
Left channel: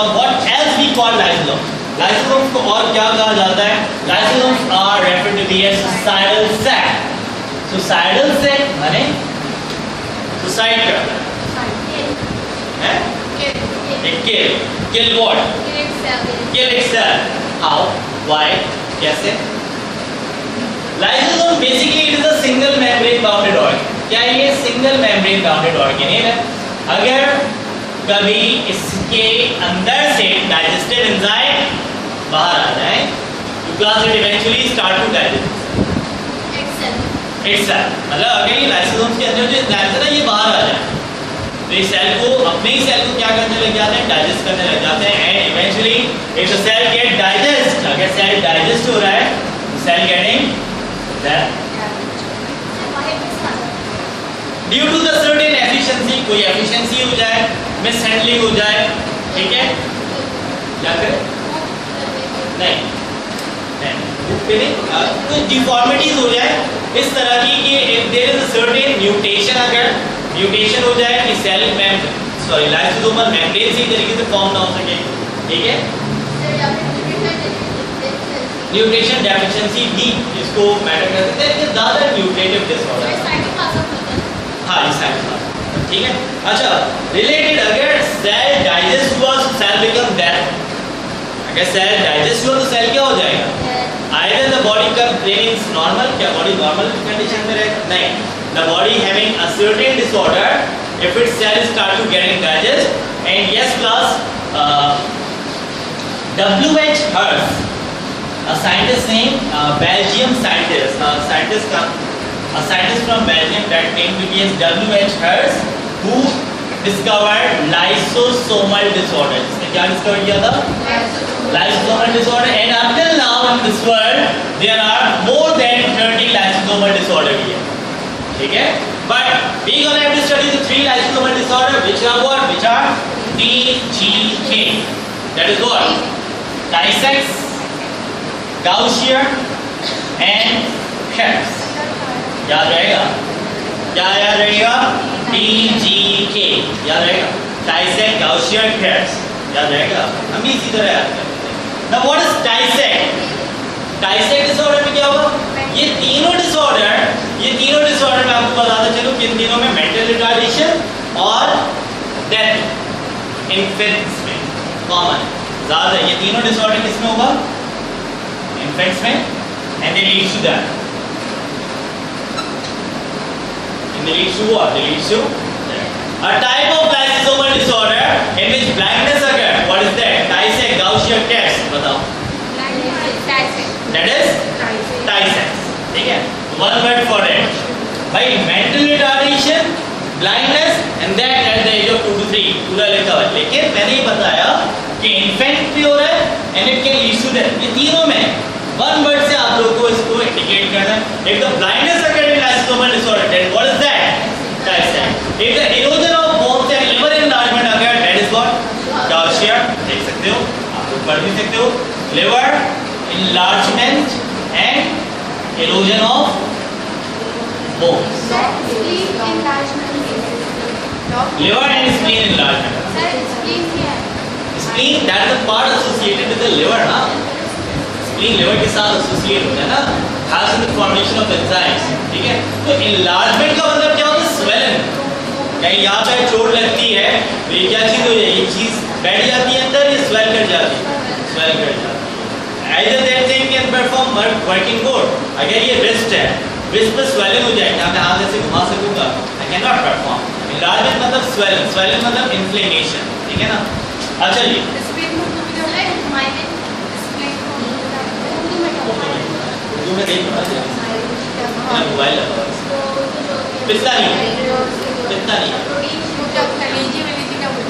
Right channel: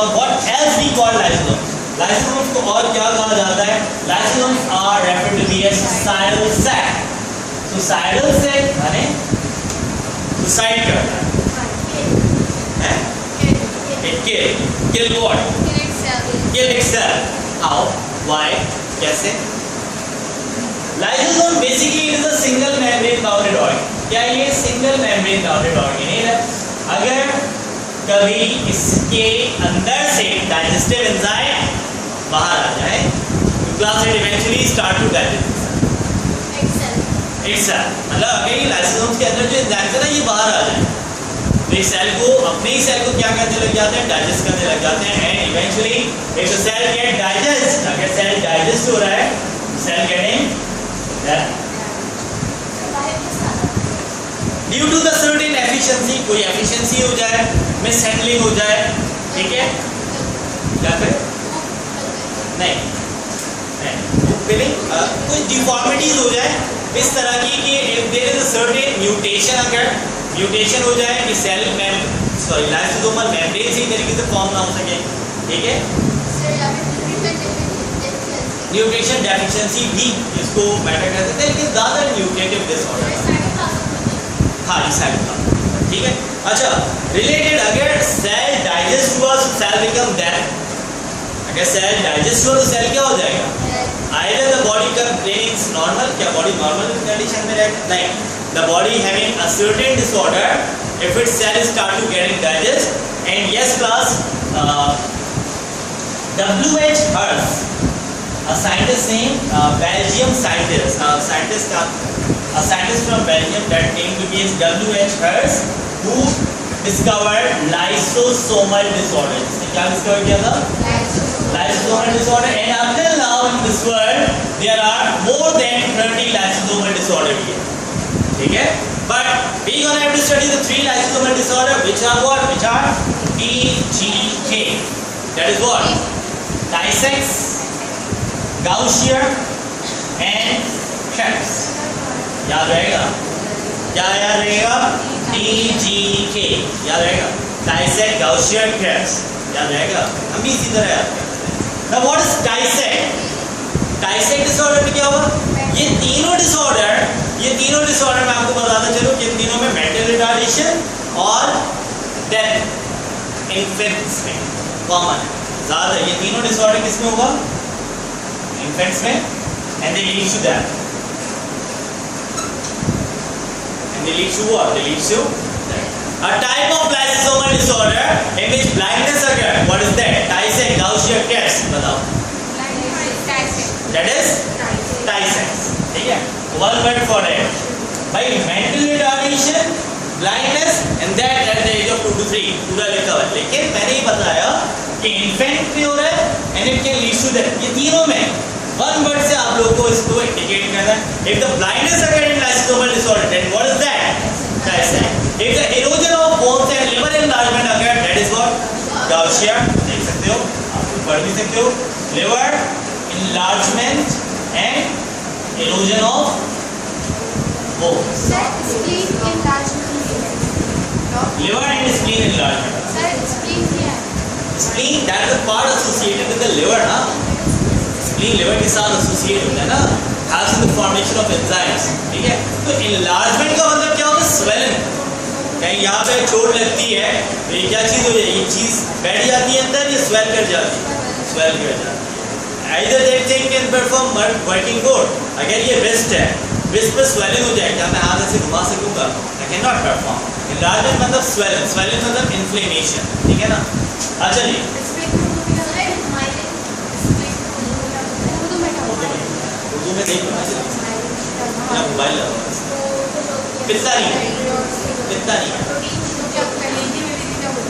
Or what else we call lysosomes? Lysosomes को और क्या कहा जाता है? Lysosomes are referred to be as suicidal sac. Suicidal sac माने suicide करना है? It kill what? Kill itself. How? Why? कैसे? Lysosome basically it is a single membrane bounded organ. क्या ये single membrane bounded organ है? अगर कभी इसके अंदर से डाइजेस्टिव एंजाइम बाहर आ जाए तो class it eventually start to digest itself. मतलब अगर ये लाइसोसोम्स के अंदर जो एंजाइम्स है ना ये बाहर आ जाए तो इस सेल को अपने ही सेल को क्या करने लग जाते हैं? डाइजेस्ट करने लग जाते हैं and eventually if the cell get digest, अगर सेल डाइजेस्ट हो रहा है cell getting that due to the certain efficiency, कोई एफिशिएंसी हो जाए, मिस हैंडलिंग हो जाए, ठीक है? या फिर नहीं कोई डिफॉर्मिटीज हो जाए इस तरह की कि if there is a certain mutation, अगर म्यूटेशन हो जाए कि सेल लाइसोसोमल मेम्ब्रेन सही तरीके से फॉर्म ना हो सके, ठीक है। न्यूट्रिशन डेफिशिएंसी भी इसको मैटर कर सकते हैं, लेकिन ज़्यादा न्यूट्रिटिव डिसऑर्डर, हाँ ठीक है। अच्छा, रिलेटेड अगर सेल डाइजेस्ट हुआ तो सेल बिकम डेड, अगर सेल डाइजेस्ट हुआ तो सेल क्या हो जाएगा, either the body containing normal, क्या बॉडी नॉर्मल कंडीशन में है, नहीं, the body having a certain disorder if its cell start to getting digest. And yes class, W.H. Hertz, a scientist named Belgium scientist, a scientist from Belgium that named to be as W.H. Hertz, who discovered lysosomal disorder. इसने क्या discover किया था? Lysosomal disorder. And until now in this world there are more than 30 lysosomal disorder here. ठीक है? But we gonna have to study the 3 lysosomal disorder, which are what? Which are TGK. That is what? Tay-Sachs, Gaucher, and Krebs. याद रहेगा? क्या याद रहेगा? TGK याद रहेगा? Tay-Sachs, Gaucher, Krebs याद रहेगा? हम भी इसी तरह याद करते हैं. Now what is Tay-Sachs? Tay-Sachs disorder में क्या हुआ? ये तीनों डिसऑर्डर मैं आपको बताता चलूं कि इन तीनों में मेंटल रिटार्डेशन और डेथ इन्फेंट्स में कॉमन ज्यादा, ये तीनों डिसऑर्डर किस में होगा? इन्फेंट्स में, and they leads to that, and they leads to what? They leads to a type of lysosomal disorder in which blindness occur. What is that? Tay-Sachs, Gaucher, Krebs. बताओ. That is Tay-Sachs. ठीक है, one word for it. भाई mental retardation, blindness and that at the age of 2 to 3 पूरा लिखा हुआ है, लेकिन मैंने ये बताया कि infant पे हो रहा है and it can lead to death. ये तीनों में one word से आप लोगों को इसको indicate करना है. If the blindness occurs in lysosomal disorder, then what is that? Tay-Sachs. If the erosion of bones and liver enlargement occurs, that is what? Gaucher. देख सकते हो, आप लोग पढ़ भी सकते हो. Liver enlargement and erosion of bones. Sir, spleen enlargement. Liver and spleen enlargement. Sir, spleen क्या है? Spleen, that is the part associated with the liver, ना? Spleen liver के साथ associate होता है ना? Has in the formation of enzymes, ठीक है? तो enlargement का मतलब क्या होता है? Swelling. कहीं यहाँ पे चोट लगती है, तो ये क्या चीज़ हो जाए? ये चीज़ बैठ जाती है अंदर, ये swell कर जाती है, swell कर जाती है. Either that thing can perform working good. अगर ये wrist है, wrist पर swelling हो जाए, क्या मैं हाथ ऐसे घुमा सकूँगा? I cannot perform. Enlargement मतलब swelling, swelling मतलब inflammation, ठीक है ना? अच्छा जी. उर्दू में देखो ना, मोबाइल लगा है. पित्ता नहीं,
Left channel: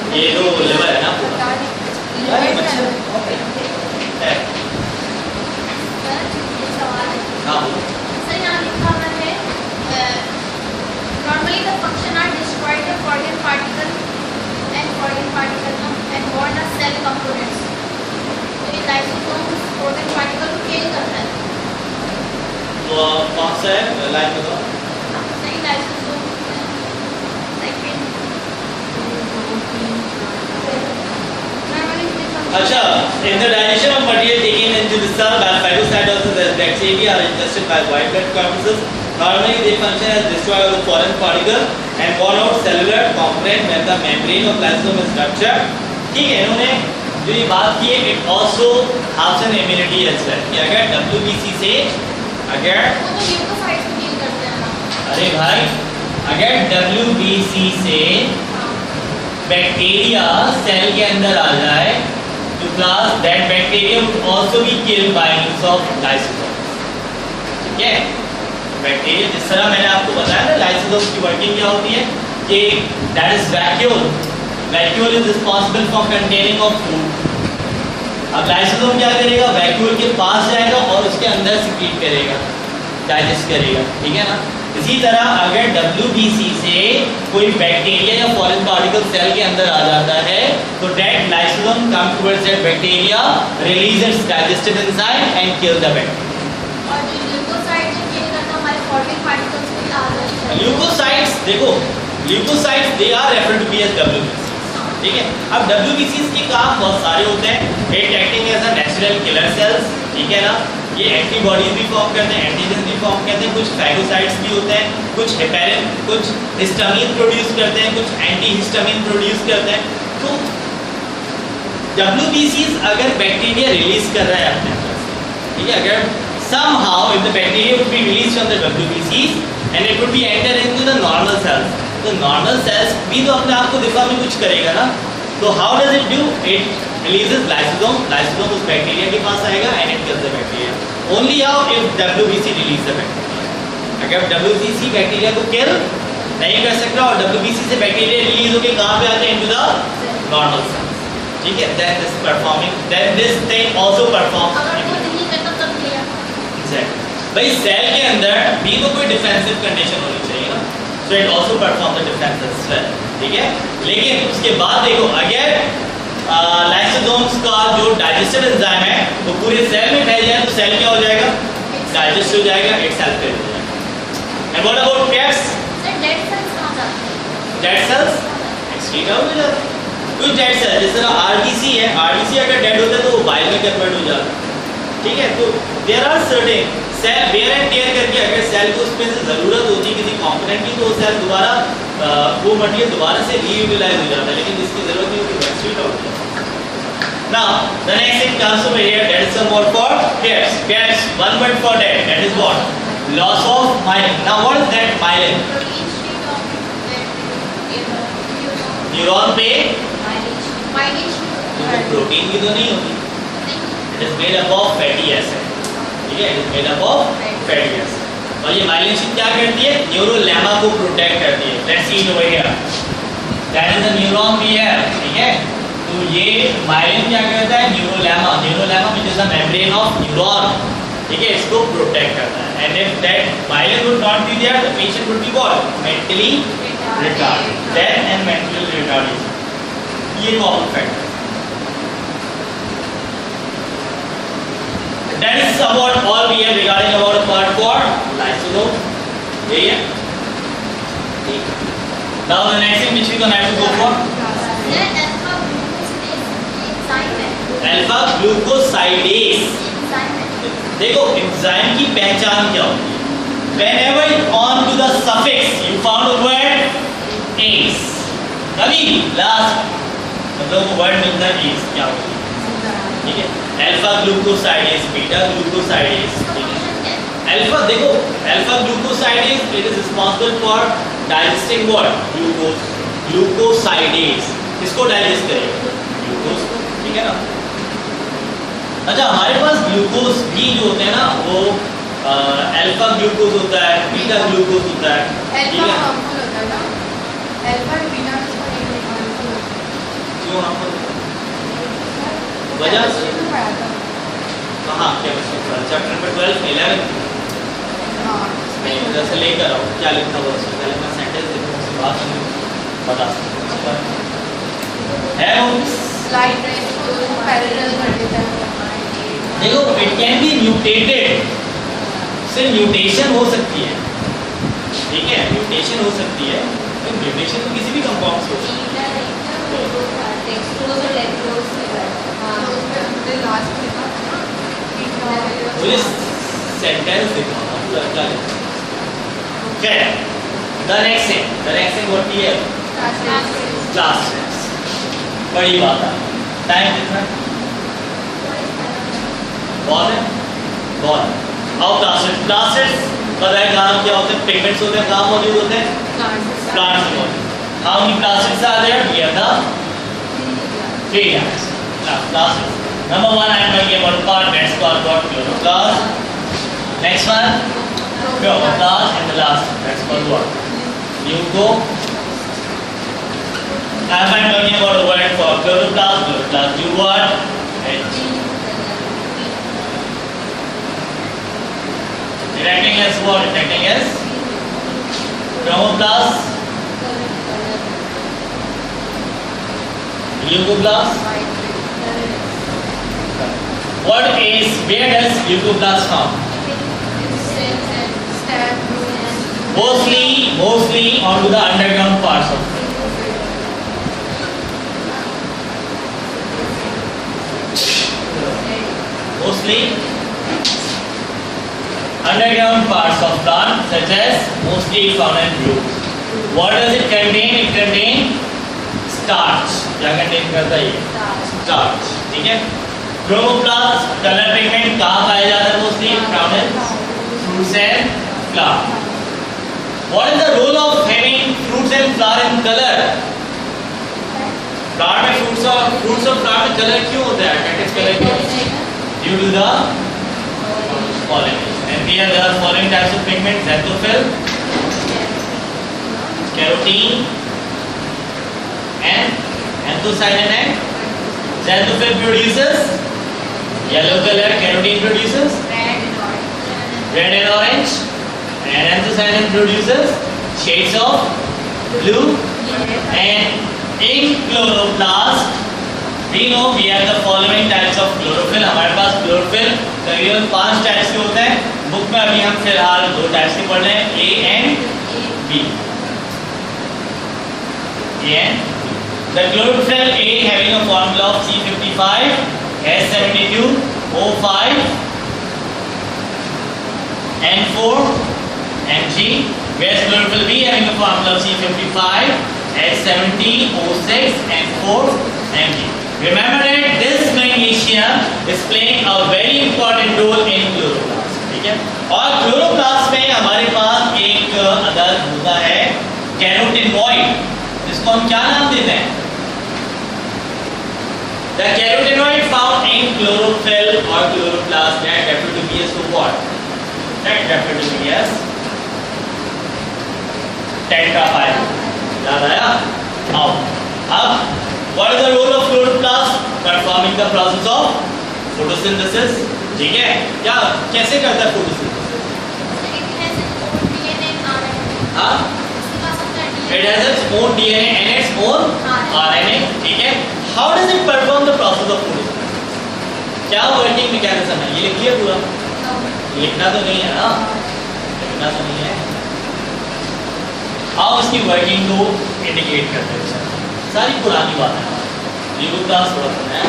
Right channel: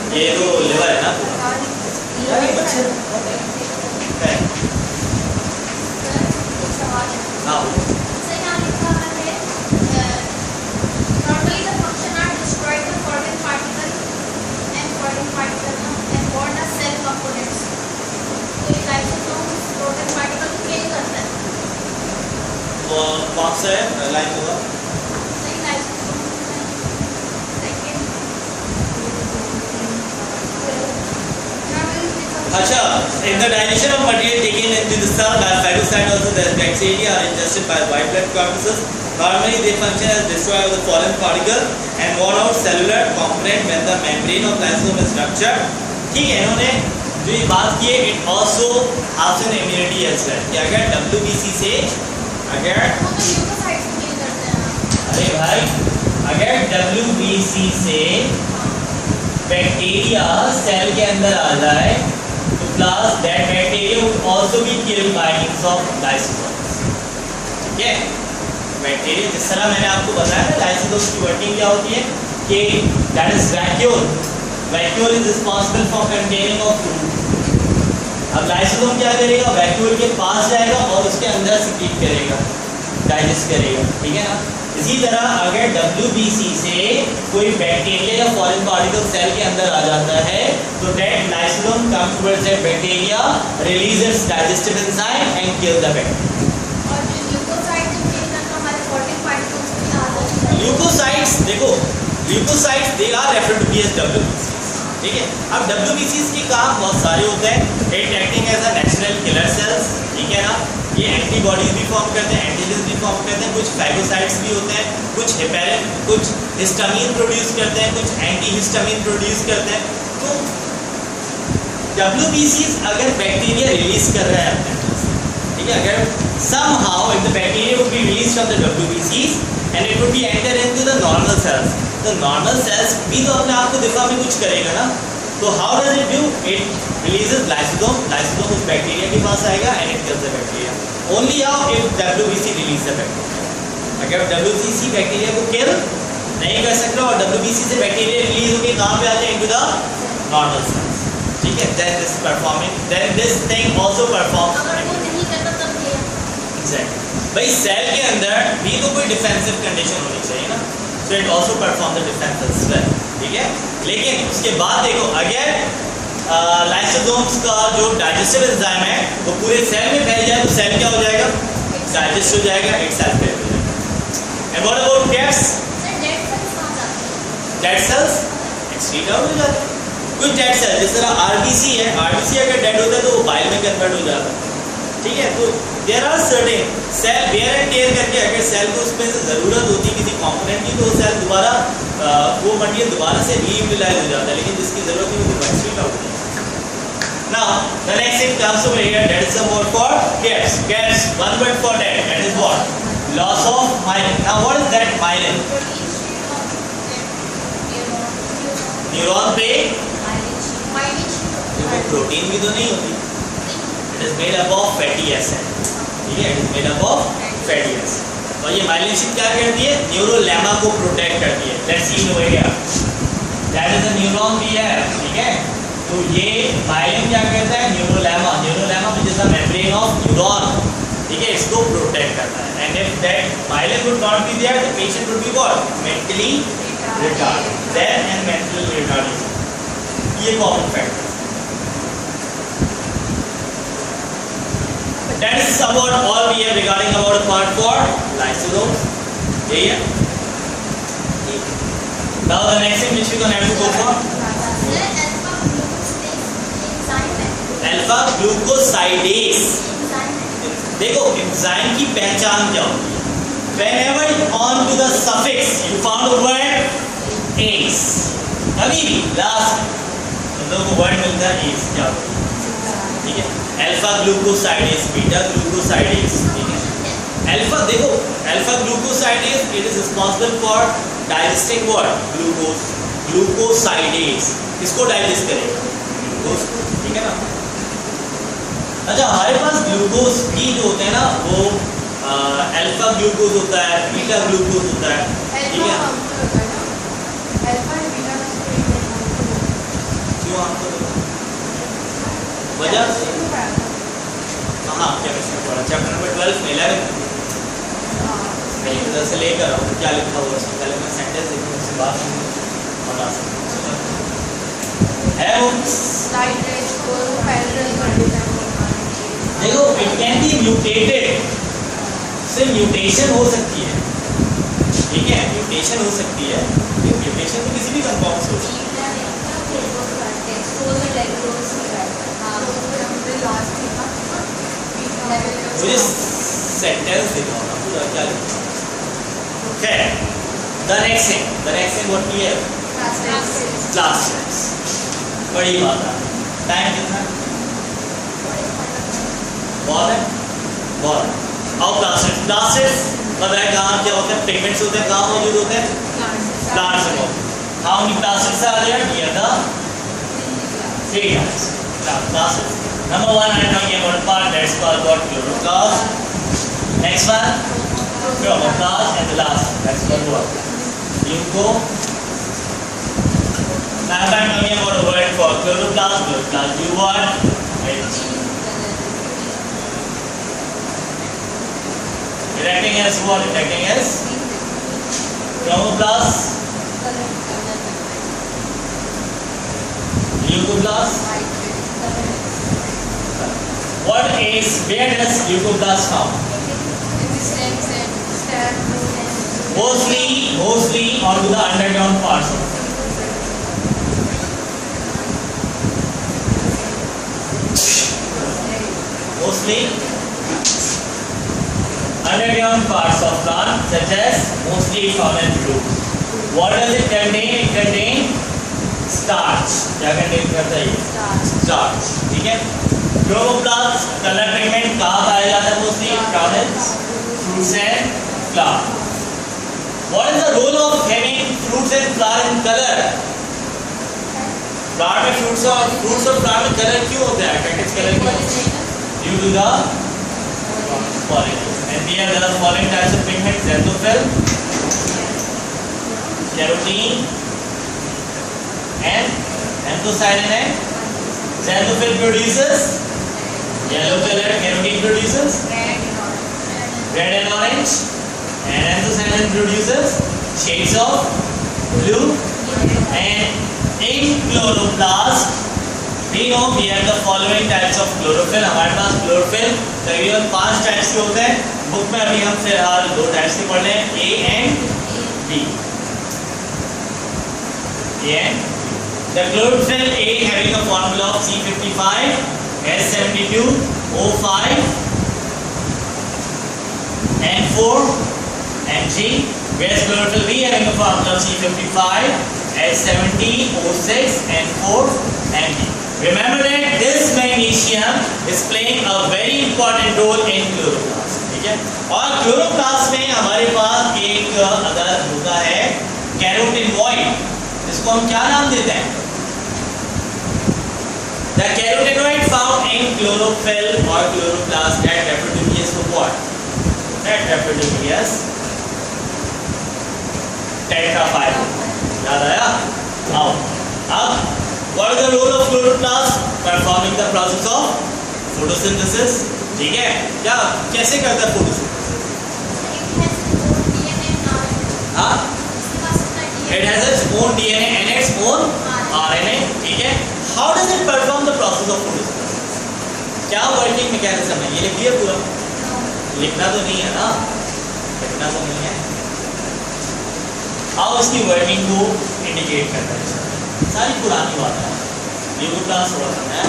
ये तो लिवर है ना? बच्चे है. हाँ. Normally the function are destroyed the foreign particle and born as cell components. तो ये lysosomes foreign particle को किल करता है. तो कौन सा है लाइन में? तो नहीं lysosome second. अच्छा, in the digestion of material taken into the cell by phagocytosis, the bacteria are ingested by white blood corpuscles. Normally they function as destroyer of the foreign particle and born out cellular component when the membrane of lysosome is ruptured. ठीक है, इन्होंने जो ये बात की है, it also has an immunity as well. कि अगर WBC से अगर अरे भाई अगर WBC से बैक्टीरिया सेल के अंदर आ जाए तो class that bacteria would also be killed by means of lysosomes. ठीक है, बैक्टीरिया जिस तरह मैंने आपको बताया ना लाइसोसोम की वर्किंग क्या होती है कि that is vacuole is responsible for containing of food. अब लाइसोसोम क्या करेगा? वैक्यूल के पास जाएगा और उसके अंदर सिक्रीट करेगा, डाइजेस्ट करेगा, ठीक है ना? इसी तरह अगर WBC से कोई बैक्टीरिया या फॉरेन पार्टिकल सेल के अंदर आ जाता है तो that lysosome comes towards that bacteria, release it's digestive enzyme and kill the bacteria. और जो ल्यूकोसाइट जो किल करता है हमारे फॉरेन पार्टिकल्स को आ जाता है. ल्यूकोसाइट्स देखो, leucocytes they are referred to be as WBCs, ठीक है। अब WBCs के काम बहुत सारे होते हैं। It acting as a natural killer cells, ठीक है ना। ये एंटीबॉडीज भी फॉर्म करते हैं, एंटीजन भी फॉर्म करते हैं, कुछ फैगोसाइट्स भी होते हैं, कुछ हेपेरिन, कुछ हिस्टामिन प्रोड्यूस करते हैं, कुछ एंटीहिस्टामिन प्रोड्यूस करते हैं। तो WBCs अगर बैक्टीरिया रिलीज कर रहा है अपने अंदर से, ठीक है, अगर somehow if the bacteria would be released from the WBCs and it would be enter into the normal cells, तो normal cells भी तो अपने आप को दिफा में कुछ करेगा ना। तो how does it do? It releases lysosome, lysosome उस बैक्टीरिया के पास आएगा and it kills the bacteria. Only how if WBC release the bacteria. अगर WBC बैक्टीरिया को kill नहीं कर सकता और WBC से बैक्टीरिया रिलीज होकर कहाँ पे आते हैं? into the normal cells, ठीक है। then this performing, then this thing also performs. अगर वो नहीं करता तब क्या? भाई सेल के अंदर भी तो कोई डिफेंसिव कंडीशन होनी चाहिए ना, so it also perform the defence as well, ठीक है। लेकिन उसके बाद देखो अगर लाइसोसोम्स का जो डाइजेस्टिव एंजाइम है वो पूरे सेल में फैल जाए तो सेल क्या हो जाएगा? डाइजेस्ट हो जाएगा, इटसेल्फ फैल जाएगा। And what about cats? Sir dead cells कहाँ जाते हैं? डेड सेल्स एक्सक्रीट आउट हो जाते हैं। कुछ डेड सेल जिस तरह आरबीसी है, आरबीसी अगर डेड होता है तो वो बाइल में कन्वर्ट हो जाता है, ठीक है। तो there are certain cell wear and tear करके अगर सेल को उसमें से ज़रूरत होती है किसी कंपोनेंट की तो वो सेल दोबारा वो मटेरियल दोबारा से रीयूटिलाइज हो जाता है, लेकिन जिसकी ज़रूरत नहीं होती एक्सक्रीट आउट हो जाता है। Now the next thing comes over here, that is some word for cats. Cats one word for dead, that is what? Loss of myelin. Now what is that myelin? Neuron पे protein भी तो नहीं होती, it is made up of fatty acid, ठीक है, it is made up of fatty acid. और ये myelination क्या करती है? न्यूरोलेमा को प्रोटेक्ट करती है। Let's see over here, that is the neuron we have, ठीक है। तो ये माइलिन क्या करता है? Neurolemma, neurolemma which is the membrane of neuron, ठीक है, इसको प्रोटेक्ट करता है। And if that myelin would not be there the patient would be what? Mentally retarded, death and mental retardation, ये कॉमन फैक्ट है। That is somewhat all we have regarding about part 4 lysosomes. Yeah. Now the next thing which we gonna have to go for? Alpha glucosidase. देखो enzyme की पहचान क्या होती है? Whenever on to the suffix you found a word ase. कभी भी last मतलब वो word मिलता है ase क्या होती है? ठीक है। अल्फा ग्लूकोसाइडेज, बीटा ग्लूकोसाइडेज, ठीक है। अल्फा देखो, alpha glucosidase it is responsible for digesting what? Glucose. Glucosidase किसको डाइजेस्ट करेगा? ग्लूकोज, ठीक है ना। अच्छा हमारे पास ग्लूकोज भी जो होते हैं ना वो अल्फा ग्लूकोज होता है, बीटा ग्लूकोज होता है, ठीक है। क्यों आपको वजह हाँ क्या चैप्टर नंबर 12 में 11 मैंने उधर से लेकर आओ क्या लिखा हुआ उसमें पहले मैं सेंटेंस लिखूँ उससे बात हम बता सकते है वो देखो इट कैन बी म्यूटेटेड, से म्यूटेशन हो सकती है, ठीक है, म्यूटेशन हो सकती है। म्यूटेशन तो किसी भी कंपाउंड से हो सकती है। मुझे सेंटेंस दिखाओ पूरा क्या लिखा है। The next thing what we have? Plastids. बड़ी बात है, टाइम कितना बहुत है, बहुत। और प्लास्टिड्स पता है कहाँ क्या होते हैं? पिगमेंट्स होते हैं, कहाँ मौजूद होते हैं? प्लांट्स में। How many plastids are there? We have the 3 types. Plastids. Number 1 I am talking about part, that's called what? Chloroplast. Next one, chloroplast, and the last that's called what? Leuco. I am talking about a word for chloroplast. Chloroplast do what? It acting as what? It acting as chromoplast. Leucoplast. What is, where does leucoplast found? mostly onto the underground parts of mostly underground parts of plant such as mostly found in roots. What does it contain? It contains starch. क्या contain करता है ये? Starch. ठीक है? Chloroplast colour pigment कहाँ पाया जाता है? Mostly found in fruits and flower. What is the role of having fruits and flower in color? Plant में fruits और flower में color क्यों होता है? Attractive color क्यों? Due to the pollination. And here there are following types of pigments: xanthophyll, carotene, and anthocyanin. And xanthophyll produces yellow color, carotene produces red and orange, and anthocyanin produces shades of blue. And in chloroplast, we know we have the following types of chlorophyll. हमारे पास chlorophyll तकरीबन 5 types के होते हैं. Book में अभी हम फिलहाल 2 types के पढ़ रहे हैं, A and B. A and B. The chlorophyll A having a formula of C55, S72, O5, N4, Mg. Whereas chlorophyll B having a formula of C55, S70, O6, N4, Mg. Remember that this magnesium is playing a very important role in chloroplast. ठीक है? और chloroplast में हमारे पास एक other होता है carotenoid, जिसको हम क्या नाम देते हैं? The carotenoid found in chlorophyll or chloroplast get referred to be as to what? Get referred to be as tetrahydride. याद आया? Now, अब what is the role of chloroplast? Performing the process of photosynthesis. ठीक है? क्या कैसे करता है photosynthesis? हाँ? It has its own DNA and its own RNA. ठीक है? How does it perform the process of photosynthesis? क्या working mechanism है? ये लिख दिया पूरा? लिखना तो नहीं है ना? लिखना तो नहीं है. How इसकी working को indicate करता है? सारी पुरानी बात है. Chloroplast थोड़ा सा है.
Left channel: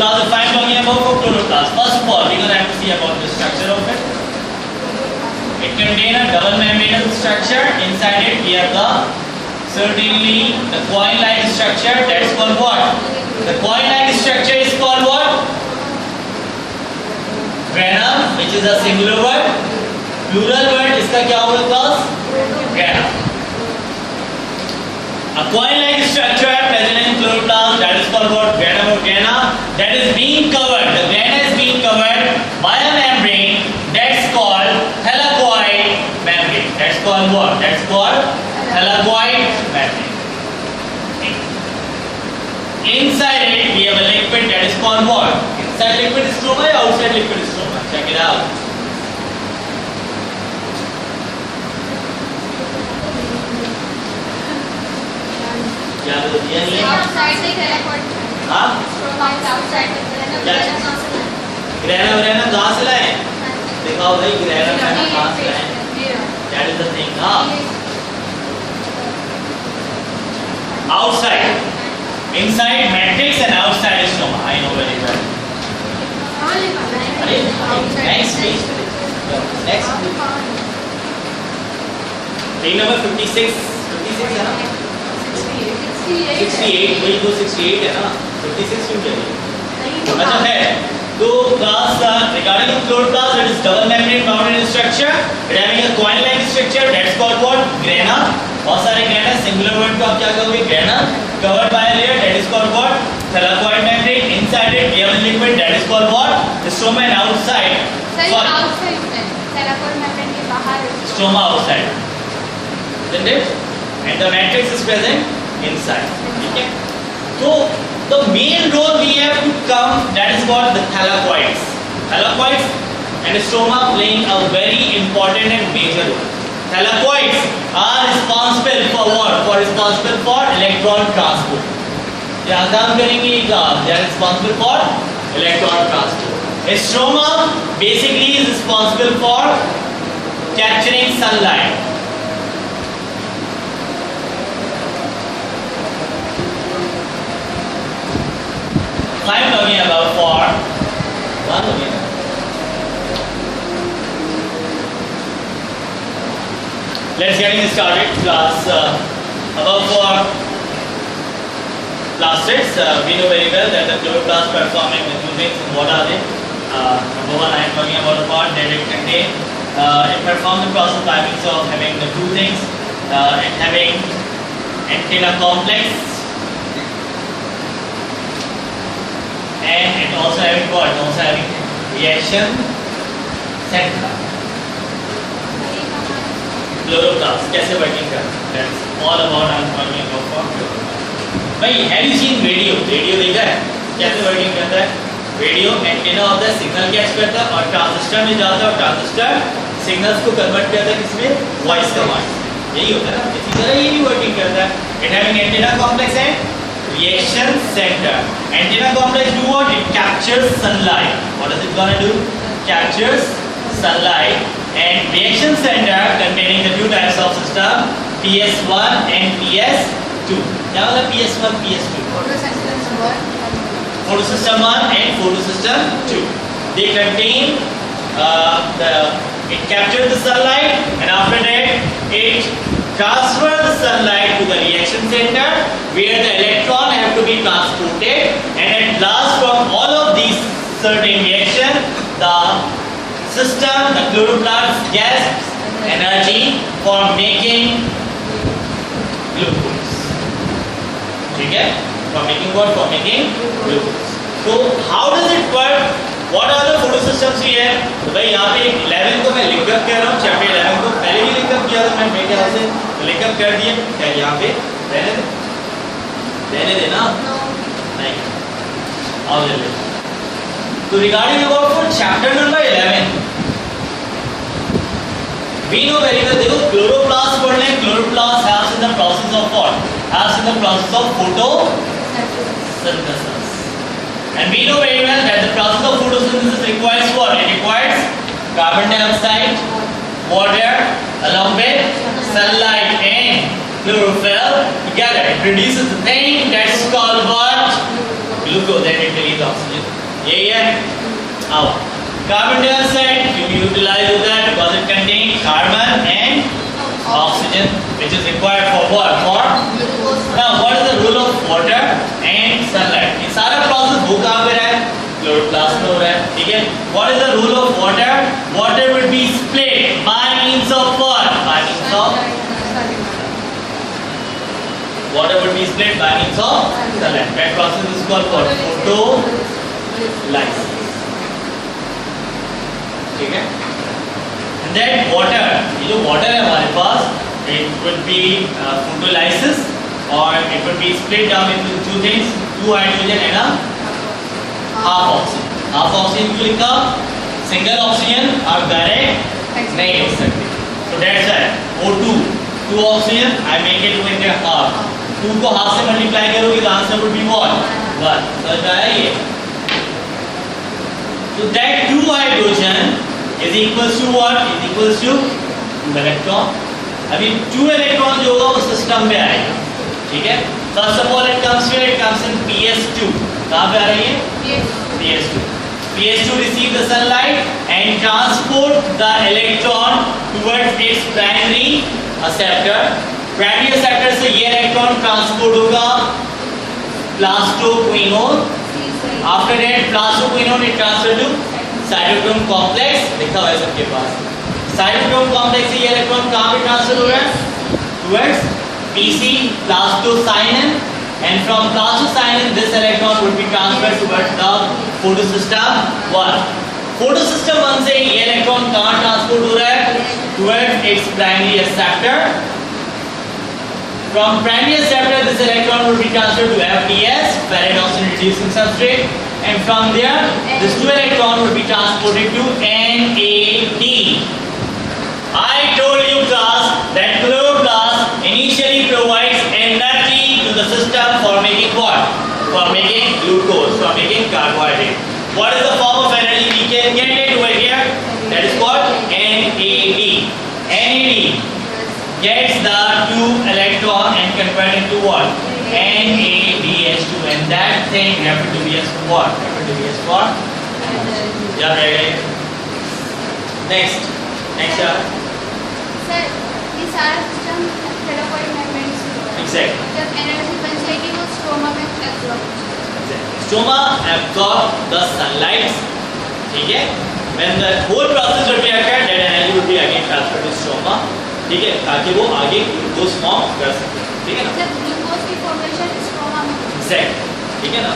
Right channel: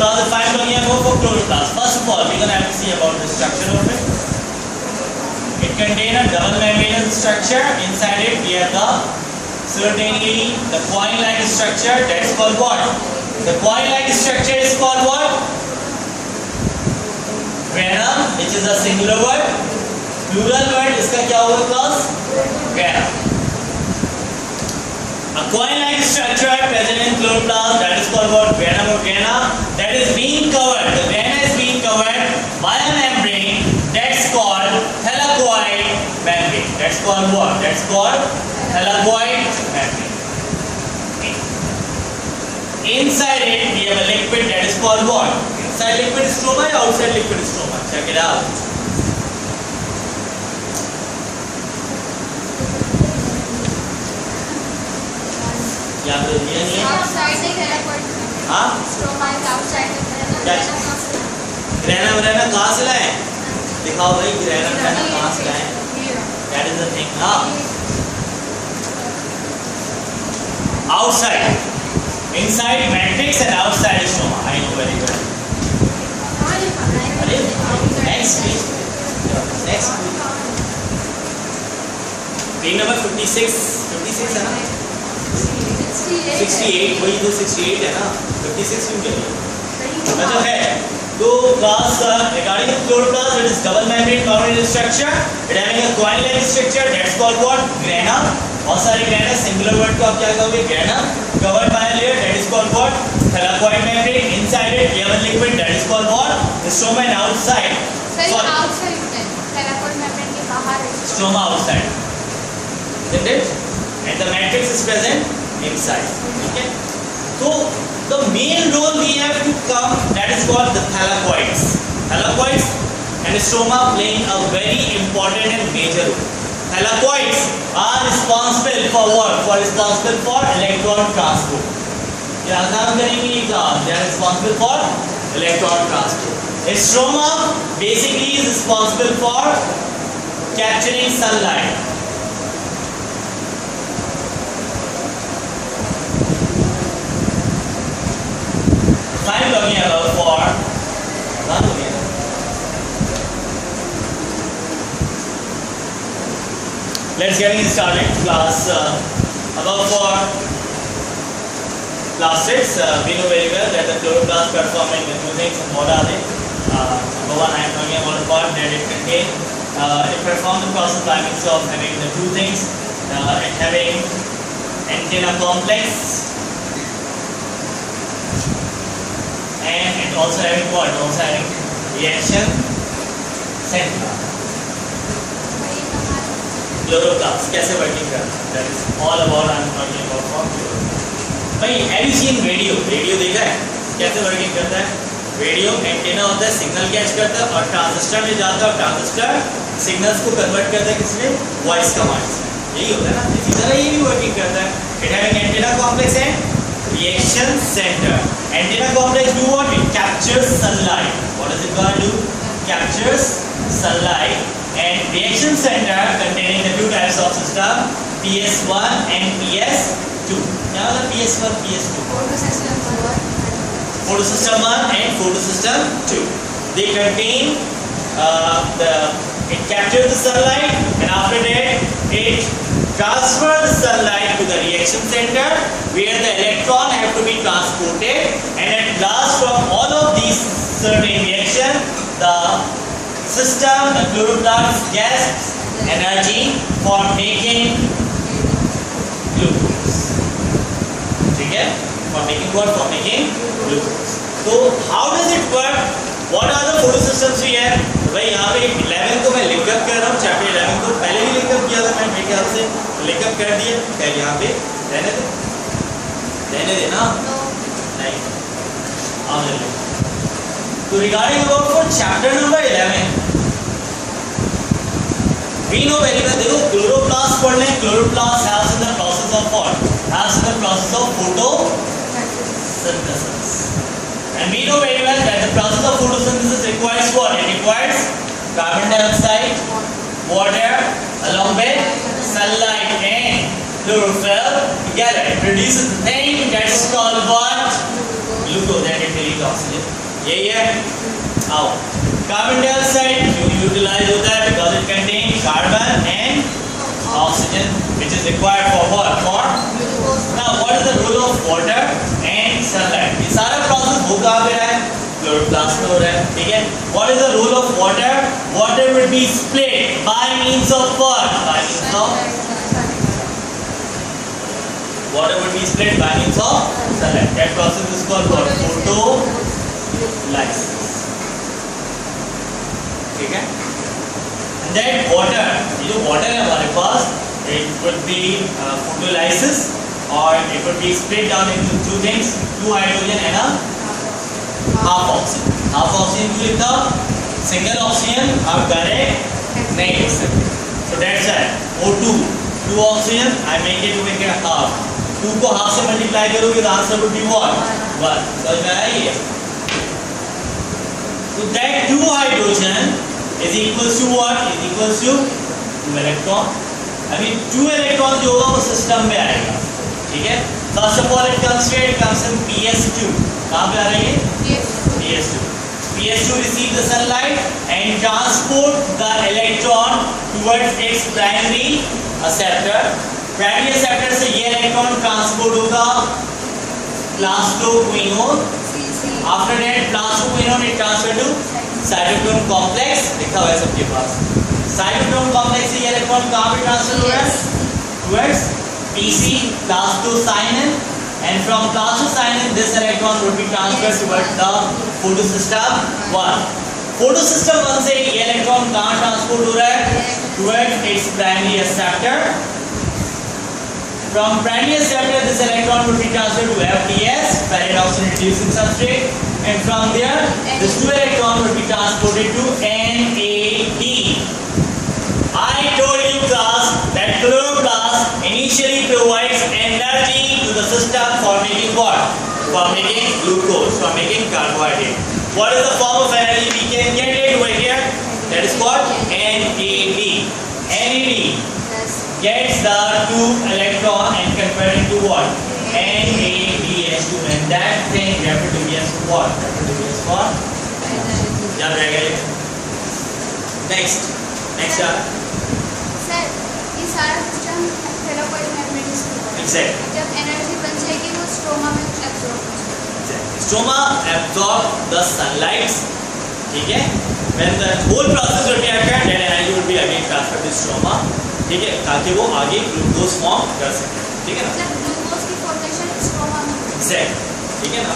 Classify talking about for chloroplast. First of all, we're going to have to see about the structure of it. It contains a double membranous structure. Inside it, we have certainly the coin-like structure. That is called what? The coin-like structure is called what? Granum, which is a singular word. Plural word, इसका क्या होगा class? Granum. A coin-like structure present in chloroplast, that is called what? Granum or grana. That is being covered. The grana is being covered by a membrane that's called thylakoid membrane. That's called what? That's called thylakoid membrane. Inside it, we have a liquid that is called what? Inside liquid stroma or outside liquid stroma? Check it out. Outside the thylakoid. हाँ? Stroma is outside the thylakoid. Grana कहाँ से लाए? दिखाओ भाई grana कहाँ से लाए? That is the thing. हाँ? Outside, inside matrix and outside is stroma. I know very well. Next week. Next week. Page number 56. 56 है ना? 68. वही तो 68 है ना? 56 क्यों कह रही है? मतलब है. तो class regarding chloroplast, that is double membrane bounded structure. It having a coin-like structure. That's called what? Grana. बहुत सारे grana singular word को आप क्या कहोगे? Grana. Covered by a layer. That is called what? Thylakoid membrane. Inside it, we have a liquid. That is called what? The stroma. And outside. Sorry, outside में thylakoid membrane के बाहर है. Stroma outside. Isn't it? And the matrix is present inside. ठीक है? तो the main role we have to come, that is what the thylakoids. Thylakoids and stroma playing a very important and major role. Thylakoids are responsible for what? For responsible for electron transport. क्या काम करेंगे ये class? They are responsible for electron transport. A stroma basically is responsible for capturing sunlight. talking about for one minute. Let's get started. Class about for class 6. We know very well that the chloroplast performing the two things. And what are they? Number one, I am talking about a part that it contains. It performs the process by means of having the two things and having antenna complex. And it also having what? Also having reaction center. Chloroplast कैसे working करता है? That is all about I am talking about for chloroplast. भाई, have you seen radio? Radio देखा है? कैसे working करता है? Radio antenna of the signal catch करता है और ट्रांजिस्टर में जाता है और ट्रांजिस्टर सिग्नल्स को कन्वर्ट करता है किसमें? वॉइस कमांड्स में. यही होता है ना? इसी तरह ये भी वर्किंग करता है. It having antenna complex and reaction center. Antenna complex do what? It captures sunlight. What is it gonna do? Captures sunlight. And reaction center containing the two types of system, PS1 and PS2. Now the PS1, PS2. Photosystem 1 and photosystem 2. They contain it captures the sunlight, and after that it transfers the sunlight to the reaction center where the electron have to be transported, and at last from all of these certain reaction the system, the chloroplast gets energy for making glucose. ठीक है? For making what? For making glucose. So how does it work? What are the photosystems we have? तो भाई यहाँ पे 11 को मैं लिखकर कह रहा हूँ, चैप्टर 11 को पहले भी लिखकर किया था मैं मेरे ख्याल से, तो लिखकर कर दिए. पहले यहाँ पे रहने देना नहीं. आओ जल्दी. So regarding about for chapter number 11, we know very well. देखो chloroplast पढ़ लें. Chloroplast helps in the process of what? Helps in the process of photosynthesis. And we know very well that the process of photosynthesis requires what? It requires carbon dioxide, water, along with sunlight and chlorophyll together. It produces the thing that's called what? Glucose, and it releases oxygen. Yeah. Now, carbon dioxide you utilize that because it contains carbon and oxygen, which is required for what? For now, what is the role of water and sunlight? ये सारा process वो कहाँ पे रहा है? Chloroplast में हो रहा है, ठीक है? What is the role of water? Water will be split by means of what? By means of water will be split by means of sunlight. That process is called what? Photolysis. ठीक है? That water, ये जो water है हमारे पास, it would be photolysis, or it would be split down into two things, two hydrogen and a half oxygen. Half oxygen क्यों लिखा? Single oxygen आप direct नहीं लिख सकते. So that's why O2, two oxygen, I make it with a half. 2 को half से multiply करोगे तो answer would be what? 1. समझ में आया ये? So that 2 hydrogen is equals to what? Is equals to 2 electron. अभी 2 electron जो होगा वो सिस्टम में आएगा, ठीक है? First of all it comes here, it comes in PS2. कहाँ पे आ रही है? PS2. PS2 receive the sunlight and transport the electron towards its primary acceptor. Primary acceptor से ये electron transport होगा plastoquinone. After that plastoquinone it transfer to cytochrome complex. लिखा हुआ है सबके पास. cytochrome complex से ये इलेक्ट्रॉन कहाँ पे ट्रांसफर हो रहा है? Towards PC, plastocyanin, and from plastocyanin this electron would be transferred towards the photosystem 1. photosystem 1 से ये इलेक्ट्रॉन कहाँ ट्रांसपोर्ट हो रहा है? Towards its primary acceptor. From primary acceptor this electron would be transferred to FDS, ferrite oxygen reducing substrate, and from there this 2 electron would be transported to NAD. I told you class that chloroplast initially provides energy to the system for making what? For making glucose, for making carbohydrate. What is the form of energy we can get it over here? That is called NAD. NAD gets the 2 electron and convert into what? NADH2 and that thing referred to be as what? Referred to be as what? Yeah, very good. Next यार. Sir ये सारा system थैलेमोइड membrane से होता है. Exactly. जब energy बन जाएगी वो स्ट्रोमा में एब्जॉर्ब हो जाएगी. Stroma absorb the sunlight. ठीक है. When the whole process will be occurred, then energy will be again transferred to stroma. ठीक है, ताकि वो आगे ग्लूकोज फॉर्म कर सके. ठीक है ना? जब ग्लूकोज की फॉर्मेशन स्ट्रोमा में होती है. Exactly. ठीक है ना?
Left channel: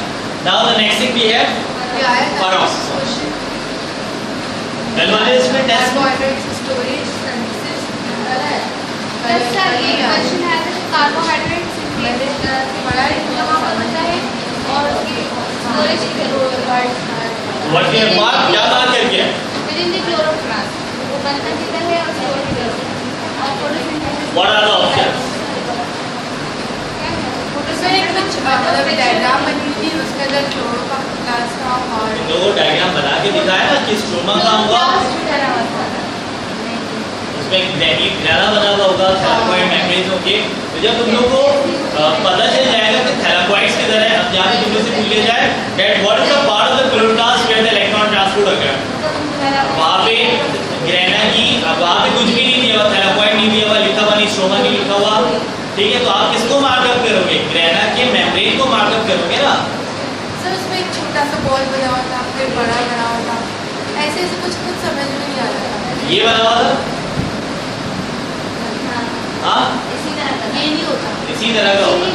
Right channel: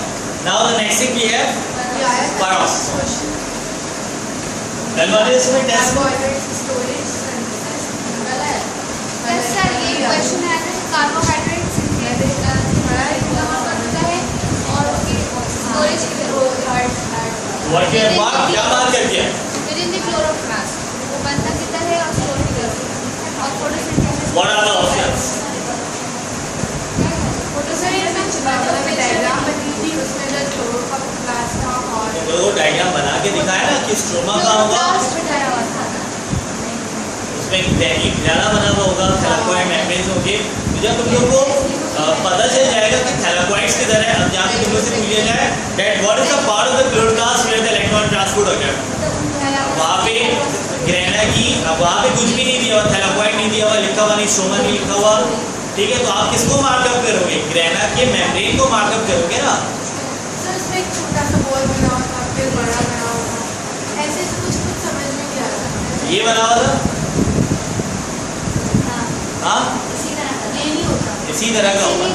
Now the next thing we have peroxisome. Well, इसमें टेस्ट सर ये क्वेश्चन है कि कार्बोहाइड्रेट सिंथेसिस कहाँ पर होता है और स्टोरेज की जरूरत. व्हाट के बाद क्या बात करके है? विद इन द क्लोरोप्लास्ट वो बनता किधर है और स्टोर किधर होता है और photosynthesis. What are the options? Photosynthesis मतलब डायग्राम बनी थी उसके अंदर क्लोरोप्लास्ट था और तो वो डायग्राम बना के दिखाया ना कि स्ट्रोमा का होगा. बना हुआ था. उसमें दैनिक ग्रहण बना हुआ होगा, थैलेमोइड मेम्ब्रेन होंगे. तो जब तुम लोगों को पता चल जाएगा कि थैलेमोइड्स किधर है, अब यहाँ पे तुम लोग से पूछ लिया जाए that what is the part of the chloroplast where the electron transport occurs. वहाँ पे ग्रहण की वहाँ पे कुछ भी नहीं दिया हुआ, थैलेमोइड नहीं दिया हुआ, लिखा हुआ नहीं, स्ट्रोमा नहीं लिखा हुआ. ठीक है, तो आप किसको मार्कअप करोगे? ग्रहण के मेम्ब्रेन को मार्कअप करोगे ना. सर उसमें एक छोटा सा बॉल बना हुआ था, फिर बड़ा बना हुआ था, ऐसे ऐसे कुछ कुछ समझ में नहीं आ रहा. ये बना हुआ था. हाँ, इसी तरह का ये नहीं होता. इसी तरह का होगा.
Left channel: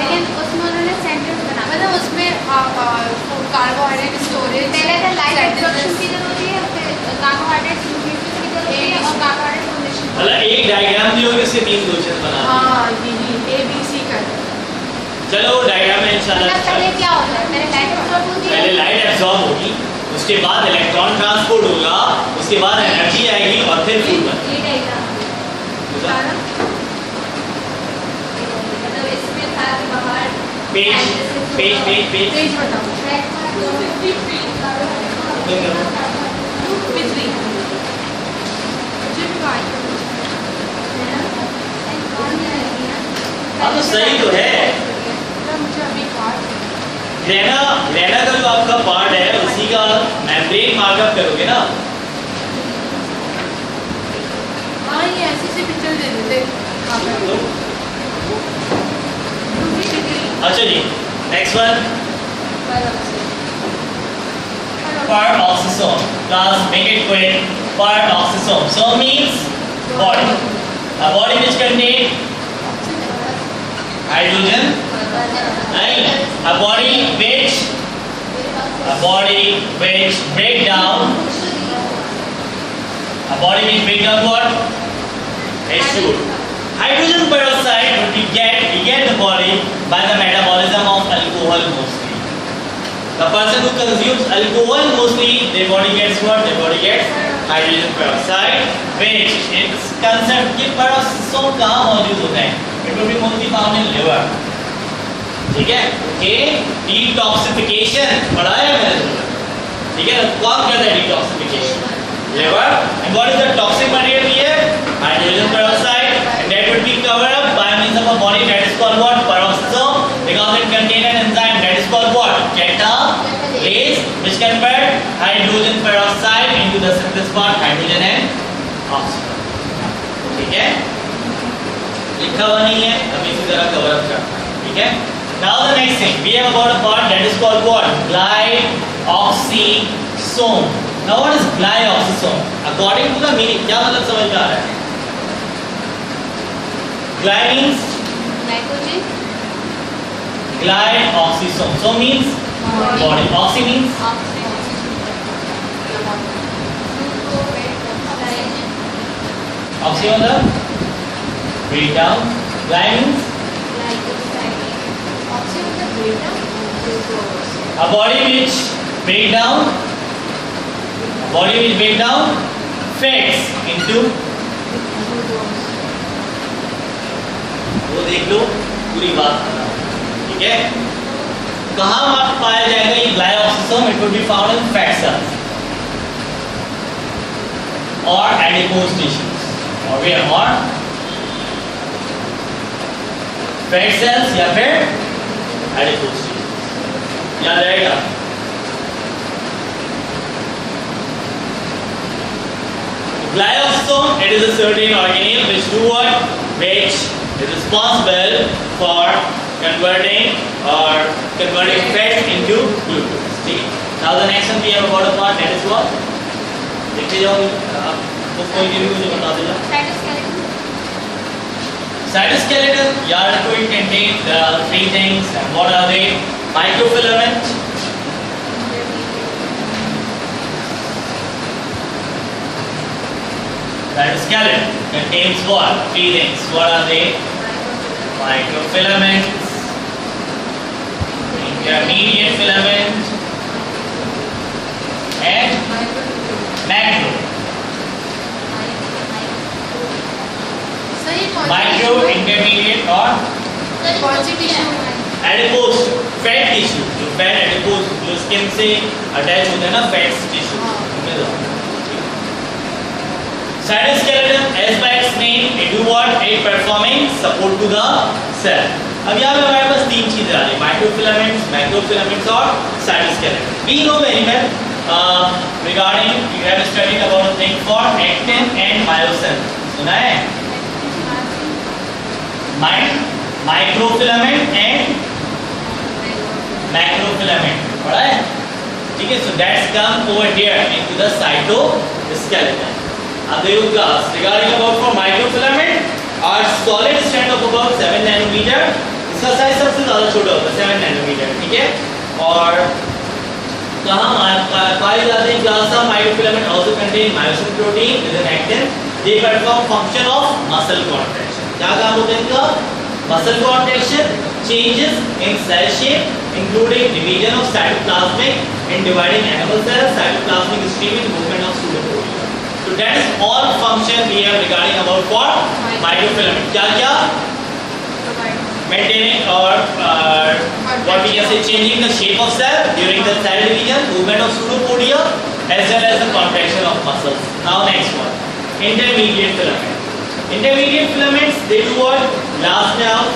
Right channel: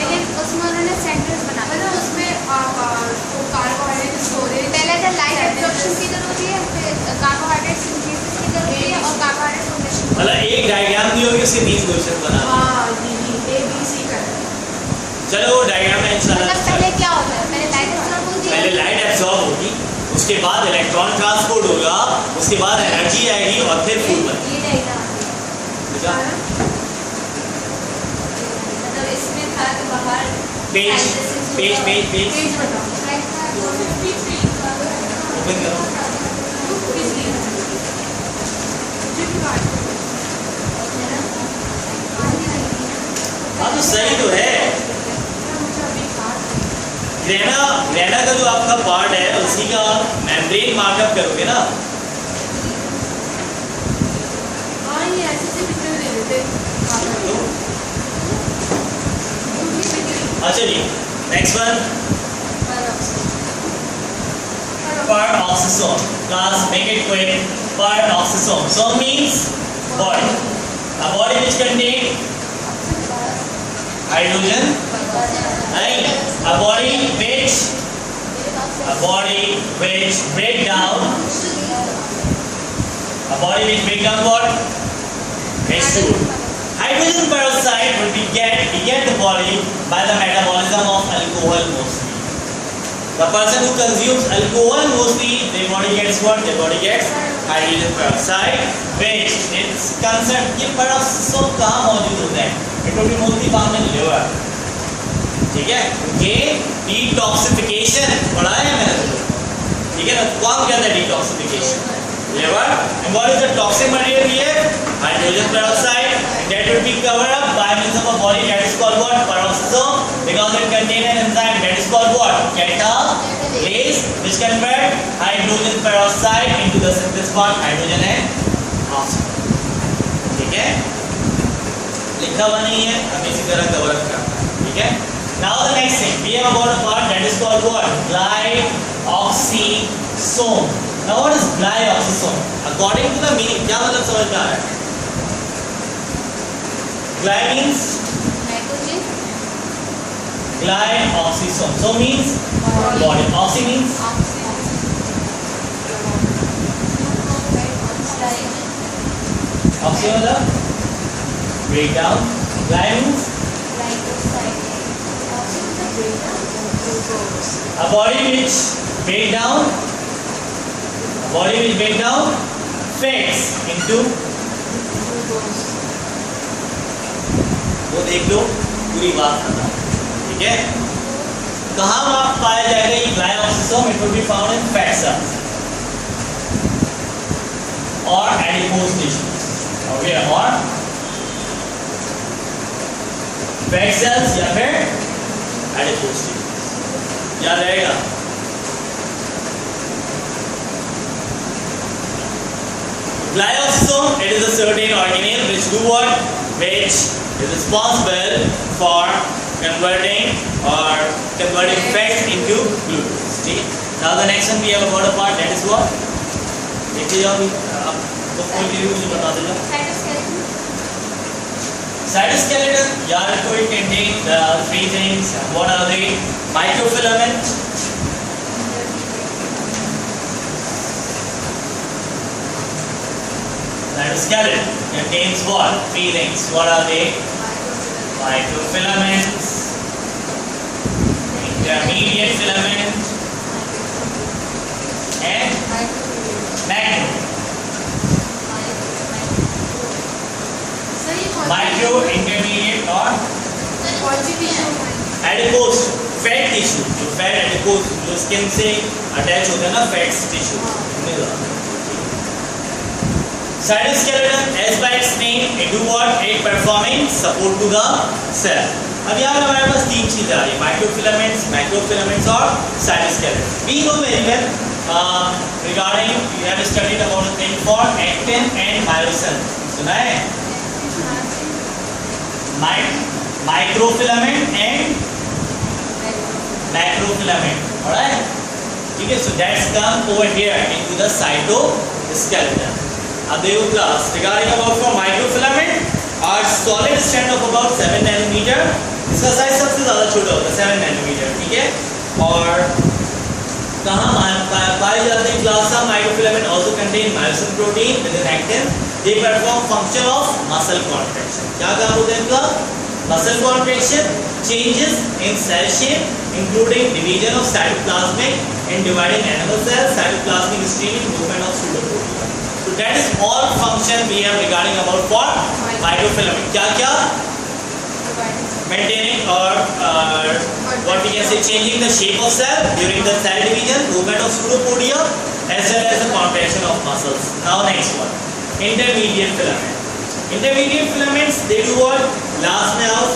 लेकिन उसमें उन्होंने सेंटेंस बना मतलब उसमें कार्बोहाइड्रेट स्टोरेज पहले तो लाइट एब्जॉर्प्शन की जरूरत होती है, फिर कार्बोहाइड्रेट सिंथेसिस की जरूरत होती है और कार्बोहाइड्रेट फॉर्मेशन. मतलब एक डायग्राम दियोगे इससे 3 क्वेश्चन बना. हां जी ए बी सी का. चलो वो डायग्राम में इंशाल्लाह. मतलब पहले क्या होता है? पहले लाइट एब्जॉर्ब होती है. पहले लाइट एब्जॉर्ब होगी, उसके बाद इलेक्ट्रॉन ट्रांसपोर्ट होगा, उसके बाद एनर्जी आएगी और फिर फूड. ये डायग्राम मतलब इसमें था कि बाहर page page page page page बताओ. बिजली हाँ तो सही तो है. रेना का जो आपका पार्ट है उसी का मेम्ब्रेन मार्कअप करोगे ना. हाँ ये ऐसे पिक्चर दे देते. अच्छा जी, next one. Peroxisome. Class, make it quick. Peroxisome. So means body. A body which contains hydrogen. And a body which break down. A body which break down what? H2. Hydrogen peroxide would be get the body by the metabolism of alcohol mostly. The person who consumes alcohol mostly, their body gets what? Their body gets hydrogen peroxide, which its concept कि peroxisome कहाँ मौजूद होता है? It will be mostly found in liver. ठीक है? ये detoxification पढ़ा है मैंने. ठीक है ना? कौन कहता है detoxification? Liver. And what is the toxic material here? Hydrogen peroxide. And that will be covered up by means of a body that is called what? Peroxisome. Because it contains an enzyme that is called what? Catalase, which convert hydrogen peroxide into the synthesis part hydrogen and oxygen. ठीक है? लिखा हुआ नहीं है, हमें इसी तरह cover up करना है. ठीक है? Now the next thing, we have about a part that is called what? Glyoxysome. Now what is glyoxysome? According to the meaning, क्या मतलब समझ में आ रहा है? Gly means nitrogen. glyoxysome. So means body. Oxy means oxy on the breakdown. Gly means a body which break down fats into. वो देख लो पूरी बात करना. ठीक है? कहाँ पाया जाएगा ये glyoxysome? It will be found in fat cells और एडिपोज टिश्यूज और वेयर और फैट सेल्स या फिर adipose tissue. याद रहेगा? Glioblastoma, it is a certain organelle which do what? Which is responsible for converting fat into glucose. ठीक है? Now the next one we have got a part that is what? देखते जाओ book खोल के use बता दो यार. Cytoskeleton, यार कोई contain there are three things. And what are they? Microfilament. Cytoskeleton contains what? Three things. What are they? Microfilaments, intermediate filament, and macro. Micro, intermediate, और adipose fat tissue. जो fat adipose जो skin से attach होता है ना fat tissue. Cytoskeleton, as by its name, it do what? It performing support to the cell. अब यहाँ पे हमारे पास तीन चीजें आ रही हैं, microfilaments, macrofilaments और cytoskeleton. We know very well regarding you have studied about a thing for actin and myosin. सुना है? Microfilament and macrofilament. पढ़ा है? ठीक है? So that's come over here into the cytoskeleton. Adeu class regarding about for microfilament are solid strand of about 7 nanometer. इसका size सबसे ज़्यादा छोटा होता है 7 नैनोमीटर. ठीक है? और कहाँ पाए जाते हैं? Class of microfilament also contain myosin protein within actin. They perform function of muscle contraction. क्या काम होता है इनका? Muscle contraction, changes in cell shape, including division of cytoplasmic and dividing animal cells, cytoplasmic streaming, movement of pseudoprotein. So that is all function we have regarding about for microfilament. क्या maintaining or what we can say changing the shape of cell during the cell division, movement of pseudopodia, as well as the contraction of muscles. Now next one, intermediate filament. Intermediate filaments, they do what? Glass nerves.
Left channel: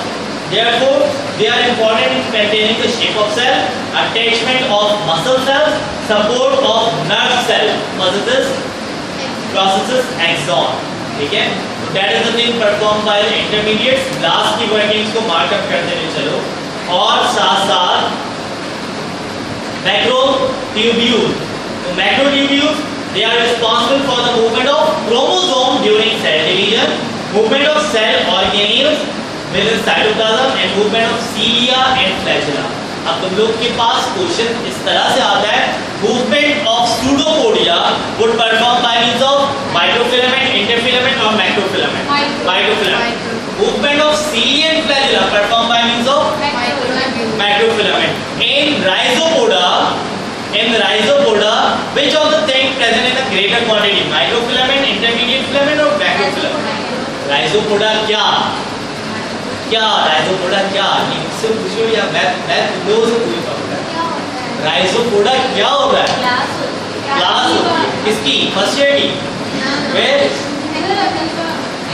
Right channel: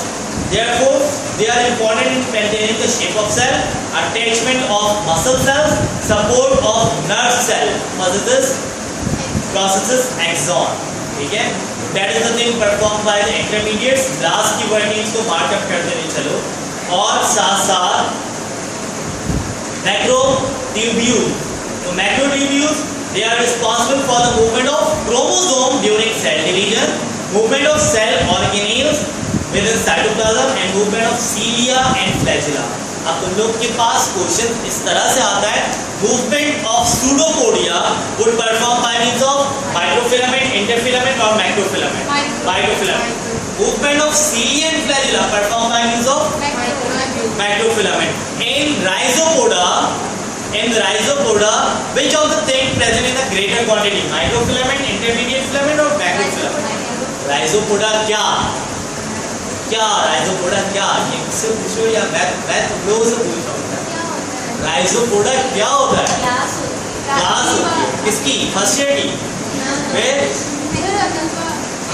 Therefore, they are important in maintaining the shape of cell, attachment of muscle cells, support of nerve cell processes axon. ठीक है? That is the thing performed by the intermediates. Glass की workings को markup करते हुए चलो. और साथ macrotubules. तो macrotubules, they are responsible for the movement of chromosome during cell division, movement of cell organelles within cytoplasm, and movement of cilia and flagella. अब तुम लोग के पास क्वेश्चन इस तरह से आता है, movement of pseudopodia would perform by means of microfilament, interfilament और macrofilament. Microfilament. Movement of cilia and flagella performed by means of macrofilament. In rhizopoda, which of the things present in the greater quantity? Microfilament, intermediate filament और macrofilament. Rhizopoda rhizopoda क्या? इससे पूछो या मैं तुम लोगों से पूछ रहा हूँ. Rhizopoda क्या होता है? क्लास होती है. किसकी? फर्स्ट ईयर की?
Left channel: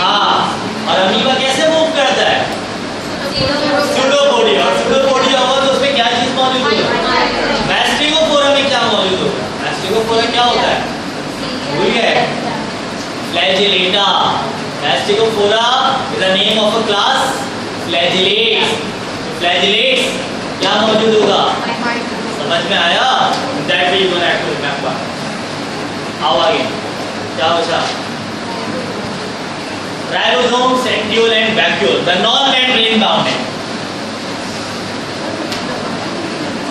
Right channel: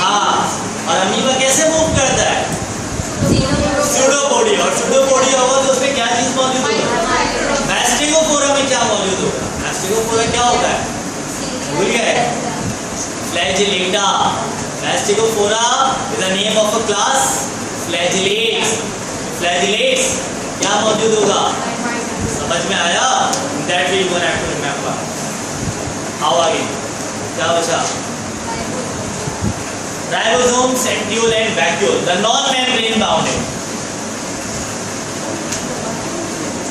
हाँ. और अमीबा कैसे मूव करता है? Pseudopodia. और pseudopodia होगा तो उसमें क्या चीज मौजूद होगा? Mastigophora में क्या मौजूद होगा? Mastigophora क्या होता है? भूल गए? Flagellata. Mastigophora is the name of a class. Flagellates क्या मौजूद होगा? समझ में आया? That way you gonna have to remember. आओ आगे. क्या बचा? Ribosome, centriole and vacuole. The non-membrane bounded.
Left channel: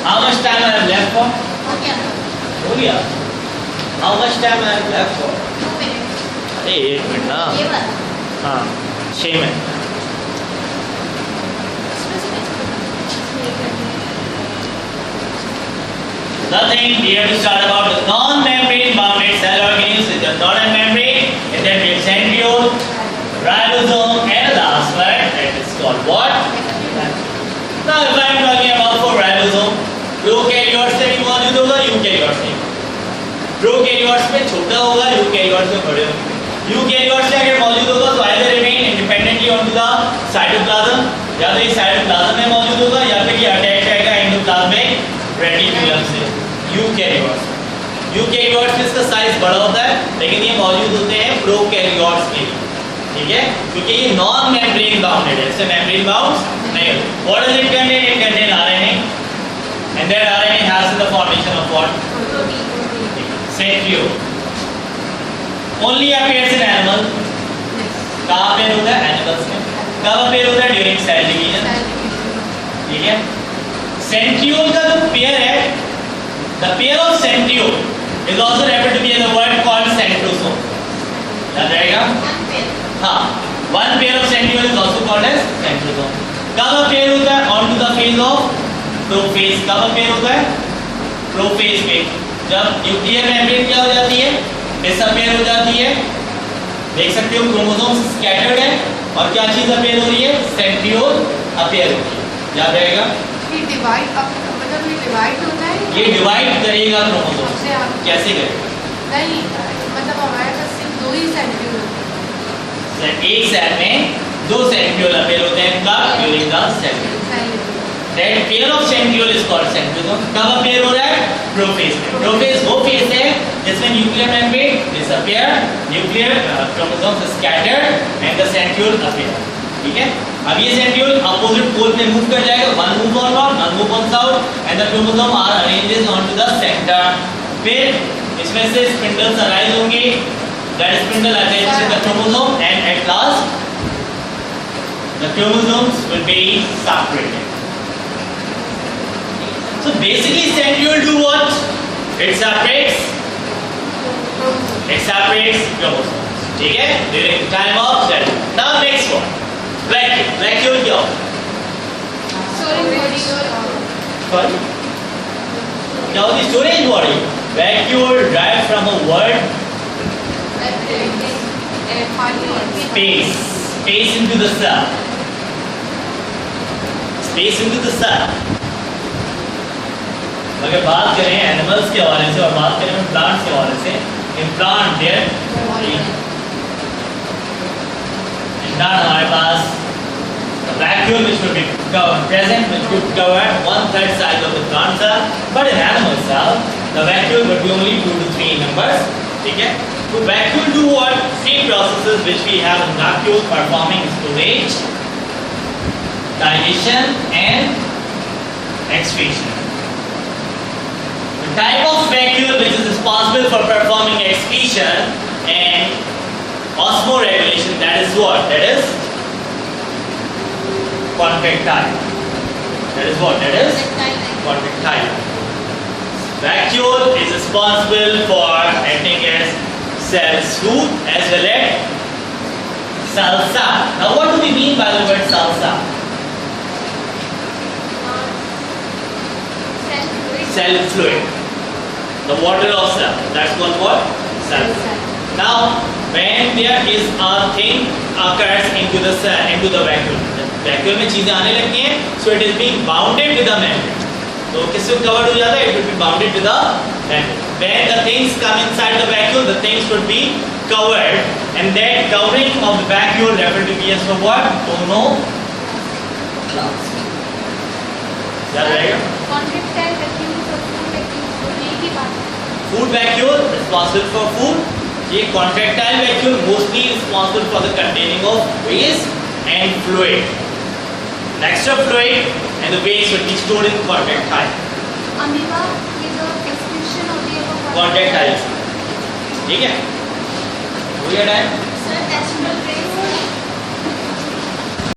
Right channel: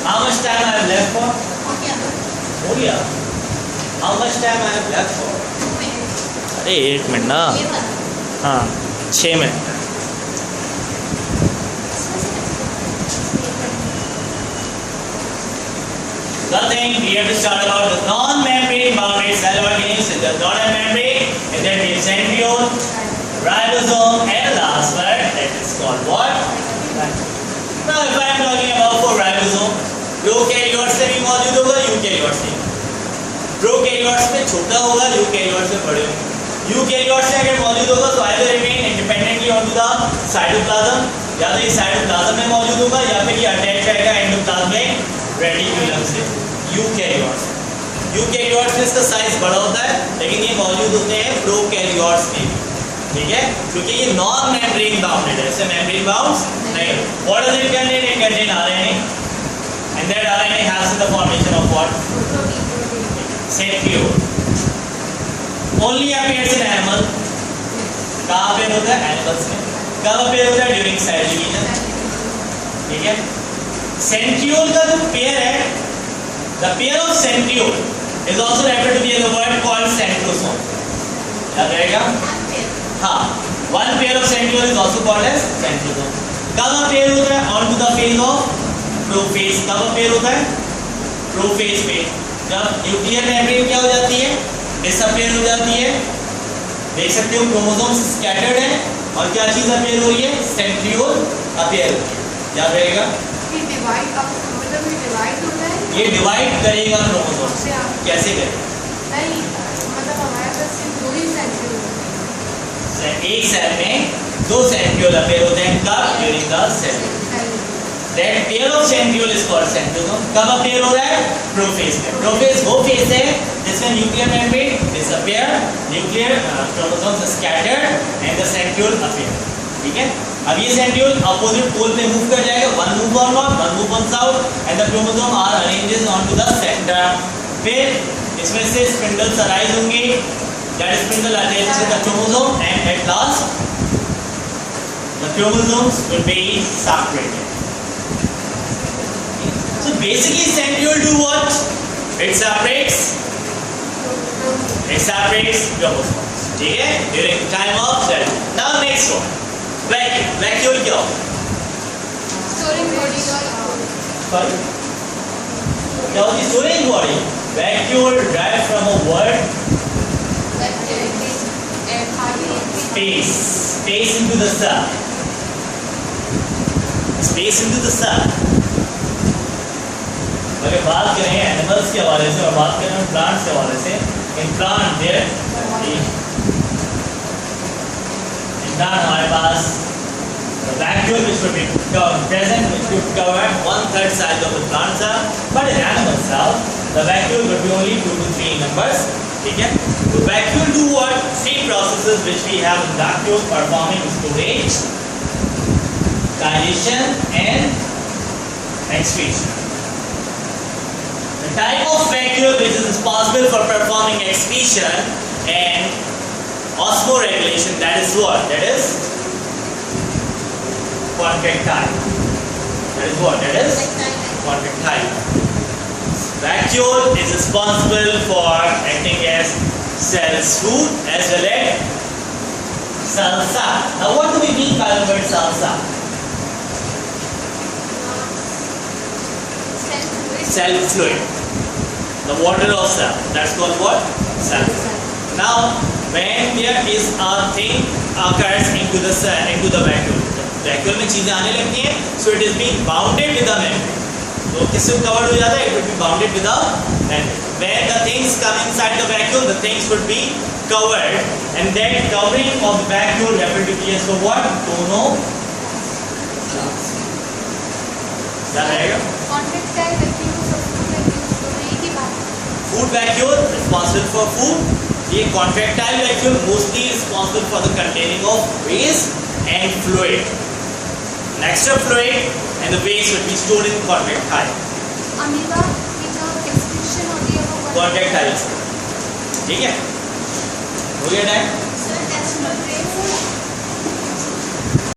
How much time I have left for? हो गया. How much time I have left for? एक मिनट ना. हाँ 6 minute. The thing we have to start about the non-membrane bounded cell organelles with the northern membrane, and then we have centriole, ribosome, and last one that is called what? Now if I am talking about for ribosome, eukaryotes से भी मौजूद होगा, eukaryotes में. prokaryotes में छोटा होगा, eukaryotes में बड़े होंगे. eukaryotes में अगर मौजूद होगा तो either remain independently onto the cytoplasm, या तो ये cytoplasm में मौजूद होगा या फिर ये attached यूकैरियोट्स। यूकैरियोट्स में इसका साइज बड़ा होता है, लेकिन ये मौजूद होते हैं प्रोकैरियोट्स में, ठीक है, क्योंकि ये नॉन मेम्ब्रेन बाउंडेड है, इससे मेम्ब्रेन बाउंड नहीं। What does it contain? It contain RNA, and that RNA has the formation of what? Centriole. Only appears in animal. कहाँ पे होता है? एनिमल्स में। कब अपीयर होता है? ड्यूरिंग सेल डिवीजन, ठीक है। सेंट्रियोल का जो पेयर है, the pair of centriole is also referred to be in the word called centrosome. याद रहेगा? हाँ, one pair of centriole is also called as centrosome. कब अपीयर होता है? On to the phase of prophase. कब appear होता है? Prophase पे, जब न्यूक्लियर मेम्ब्रेन क्या हो जाती है? डिसअपीयर हो जाती है। देख सकते हो क्रोमोसोम्स स्कैटर्ड है, और क्या चीज अपीयर हो रही है? सेंट्रियोल अपीयर हो रही है। याद रहेगा? ये डिवाइड मतलब ये डिवाइड होता है, ये डिवाइड करेगा क्रोमोसोम। कैसे करेगा? नहीं मतलब हमारे पास सिर्फ दो ही सेंट्रियोल होते हैं। एक सेल में दो सेंट्रियोल अपीयर होते हैं, कब? During the cell. That pair of centriole is called centrosome. कब अपीयर हो रहा है? प्रोफेज में। प्रोफेज वो फेज है जिसमें nuclear membrane disappear, nuclear chromosomes scattered and the centriole appear, ठीक है। अब ये सेंट्रियोल अपोजिट पोल पे मूव कर जाएगा, one move on north, one move on south, and the chromosome are arranged on to the centre. फिर इसमें से स्पिंडल्स अराइज होंगे, that spindle attach to the chromosome, and at last the chromosomes will be separated. So basically centriole do what? It separates chromosomes, ठीक है, during time of cell. Now next one, vacuole. Vacuole क्या होता है? Storage body Sorry? क्या होती है? Storage body. Vacuole derived from a word space. Space into the cell. Space into the cell. अगर बात करें एनिमल्स के हवाले से और बात करें प्लांट्स के हवाले से, इन प्लांट देयर हमारे पास vacuole which would be present, which would cover 1/3 size of the plant cell, but in animal cell the vacuole would be only 2 to 3 members, ठीक है। तो vacuole do what? Same processes which we have in vacuole, performing storage, digestion and excretion. The type of vacuole which is responsible for performing excretion and osmoregulation, that is what? That is contractile. That is what? That is contractile. Vacuole is responsible for acting as cell suit as well as cell sap. Now what do we mean by the word cell sap? Cell fluid. The water of cell. That's called what? Cell fluid. Now when there is a thing occurs into the cell, into the vacuole. Vacuole में चीजें आने लगती हैं, so it is being bounded with the membrane. तो किससे covered हो जाता है? It would be bounded with the membrane. When the things come inside the vacuole, the things would be covered, and that covering of the vacuole referred to be as for what? Tonoplast. Contractile vacuole और food vacuole दोनों एक ही बात है. Food vacuole responsible for food. ये contractile vacuole mostly responsible for the containing of waste and fluid. Extra fluid and the waste would be stored in contractile. Amoeba की जो excretion होती है वो Contractile. ठीक है? हो गया टाइम? Sir, as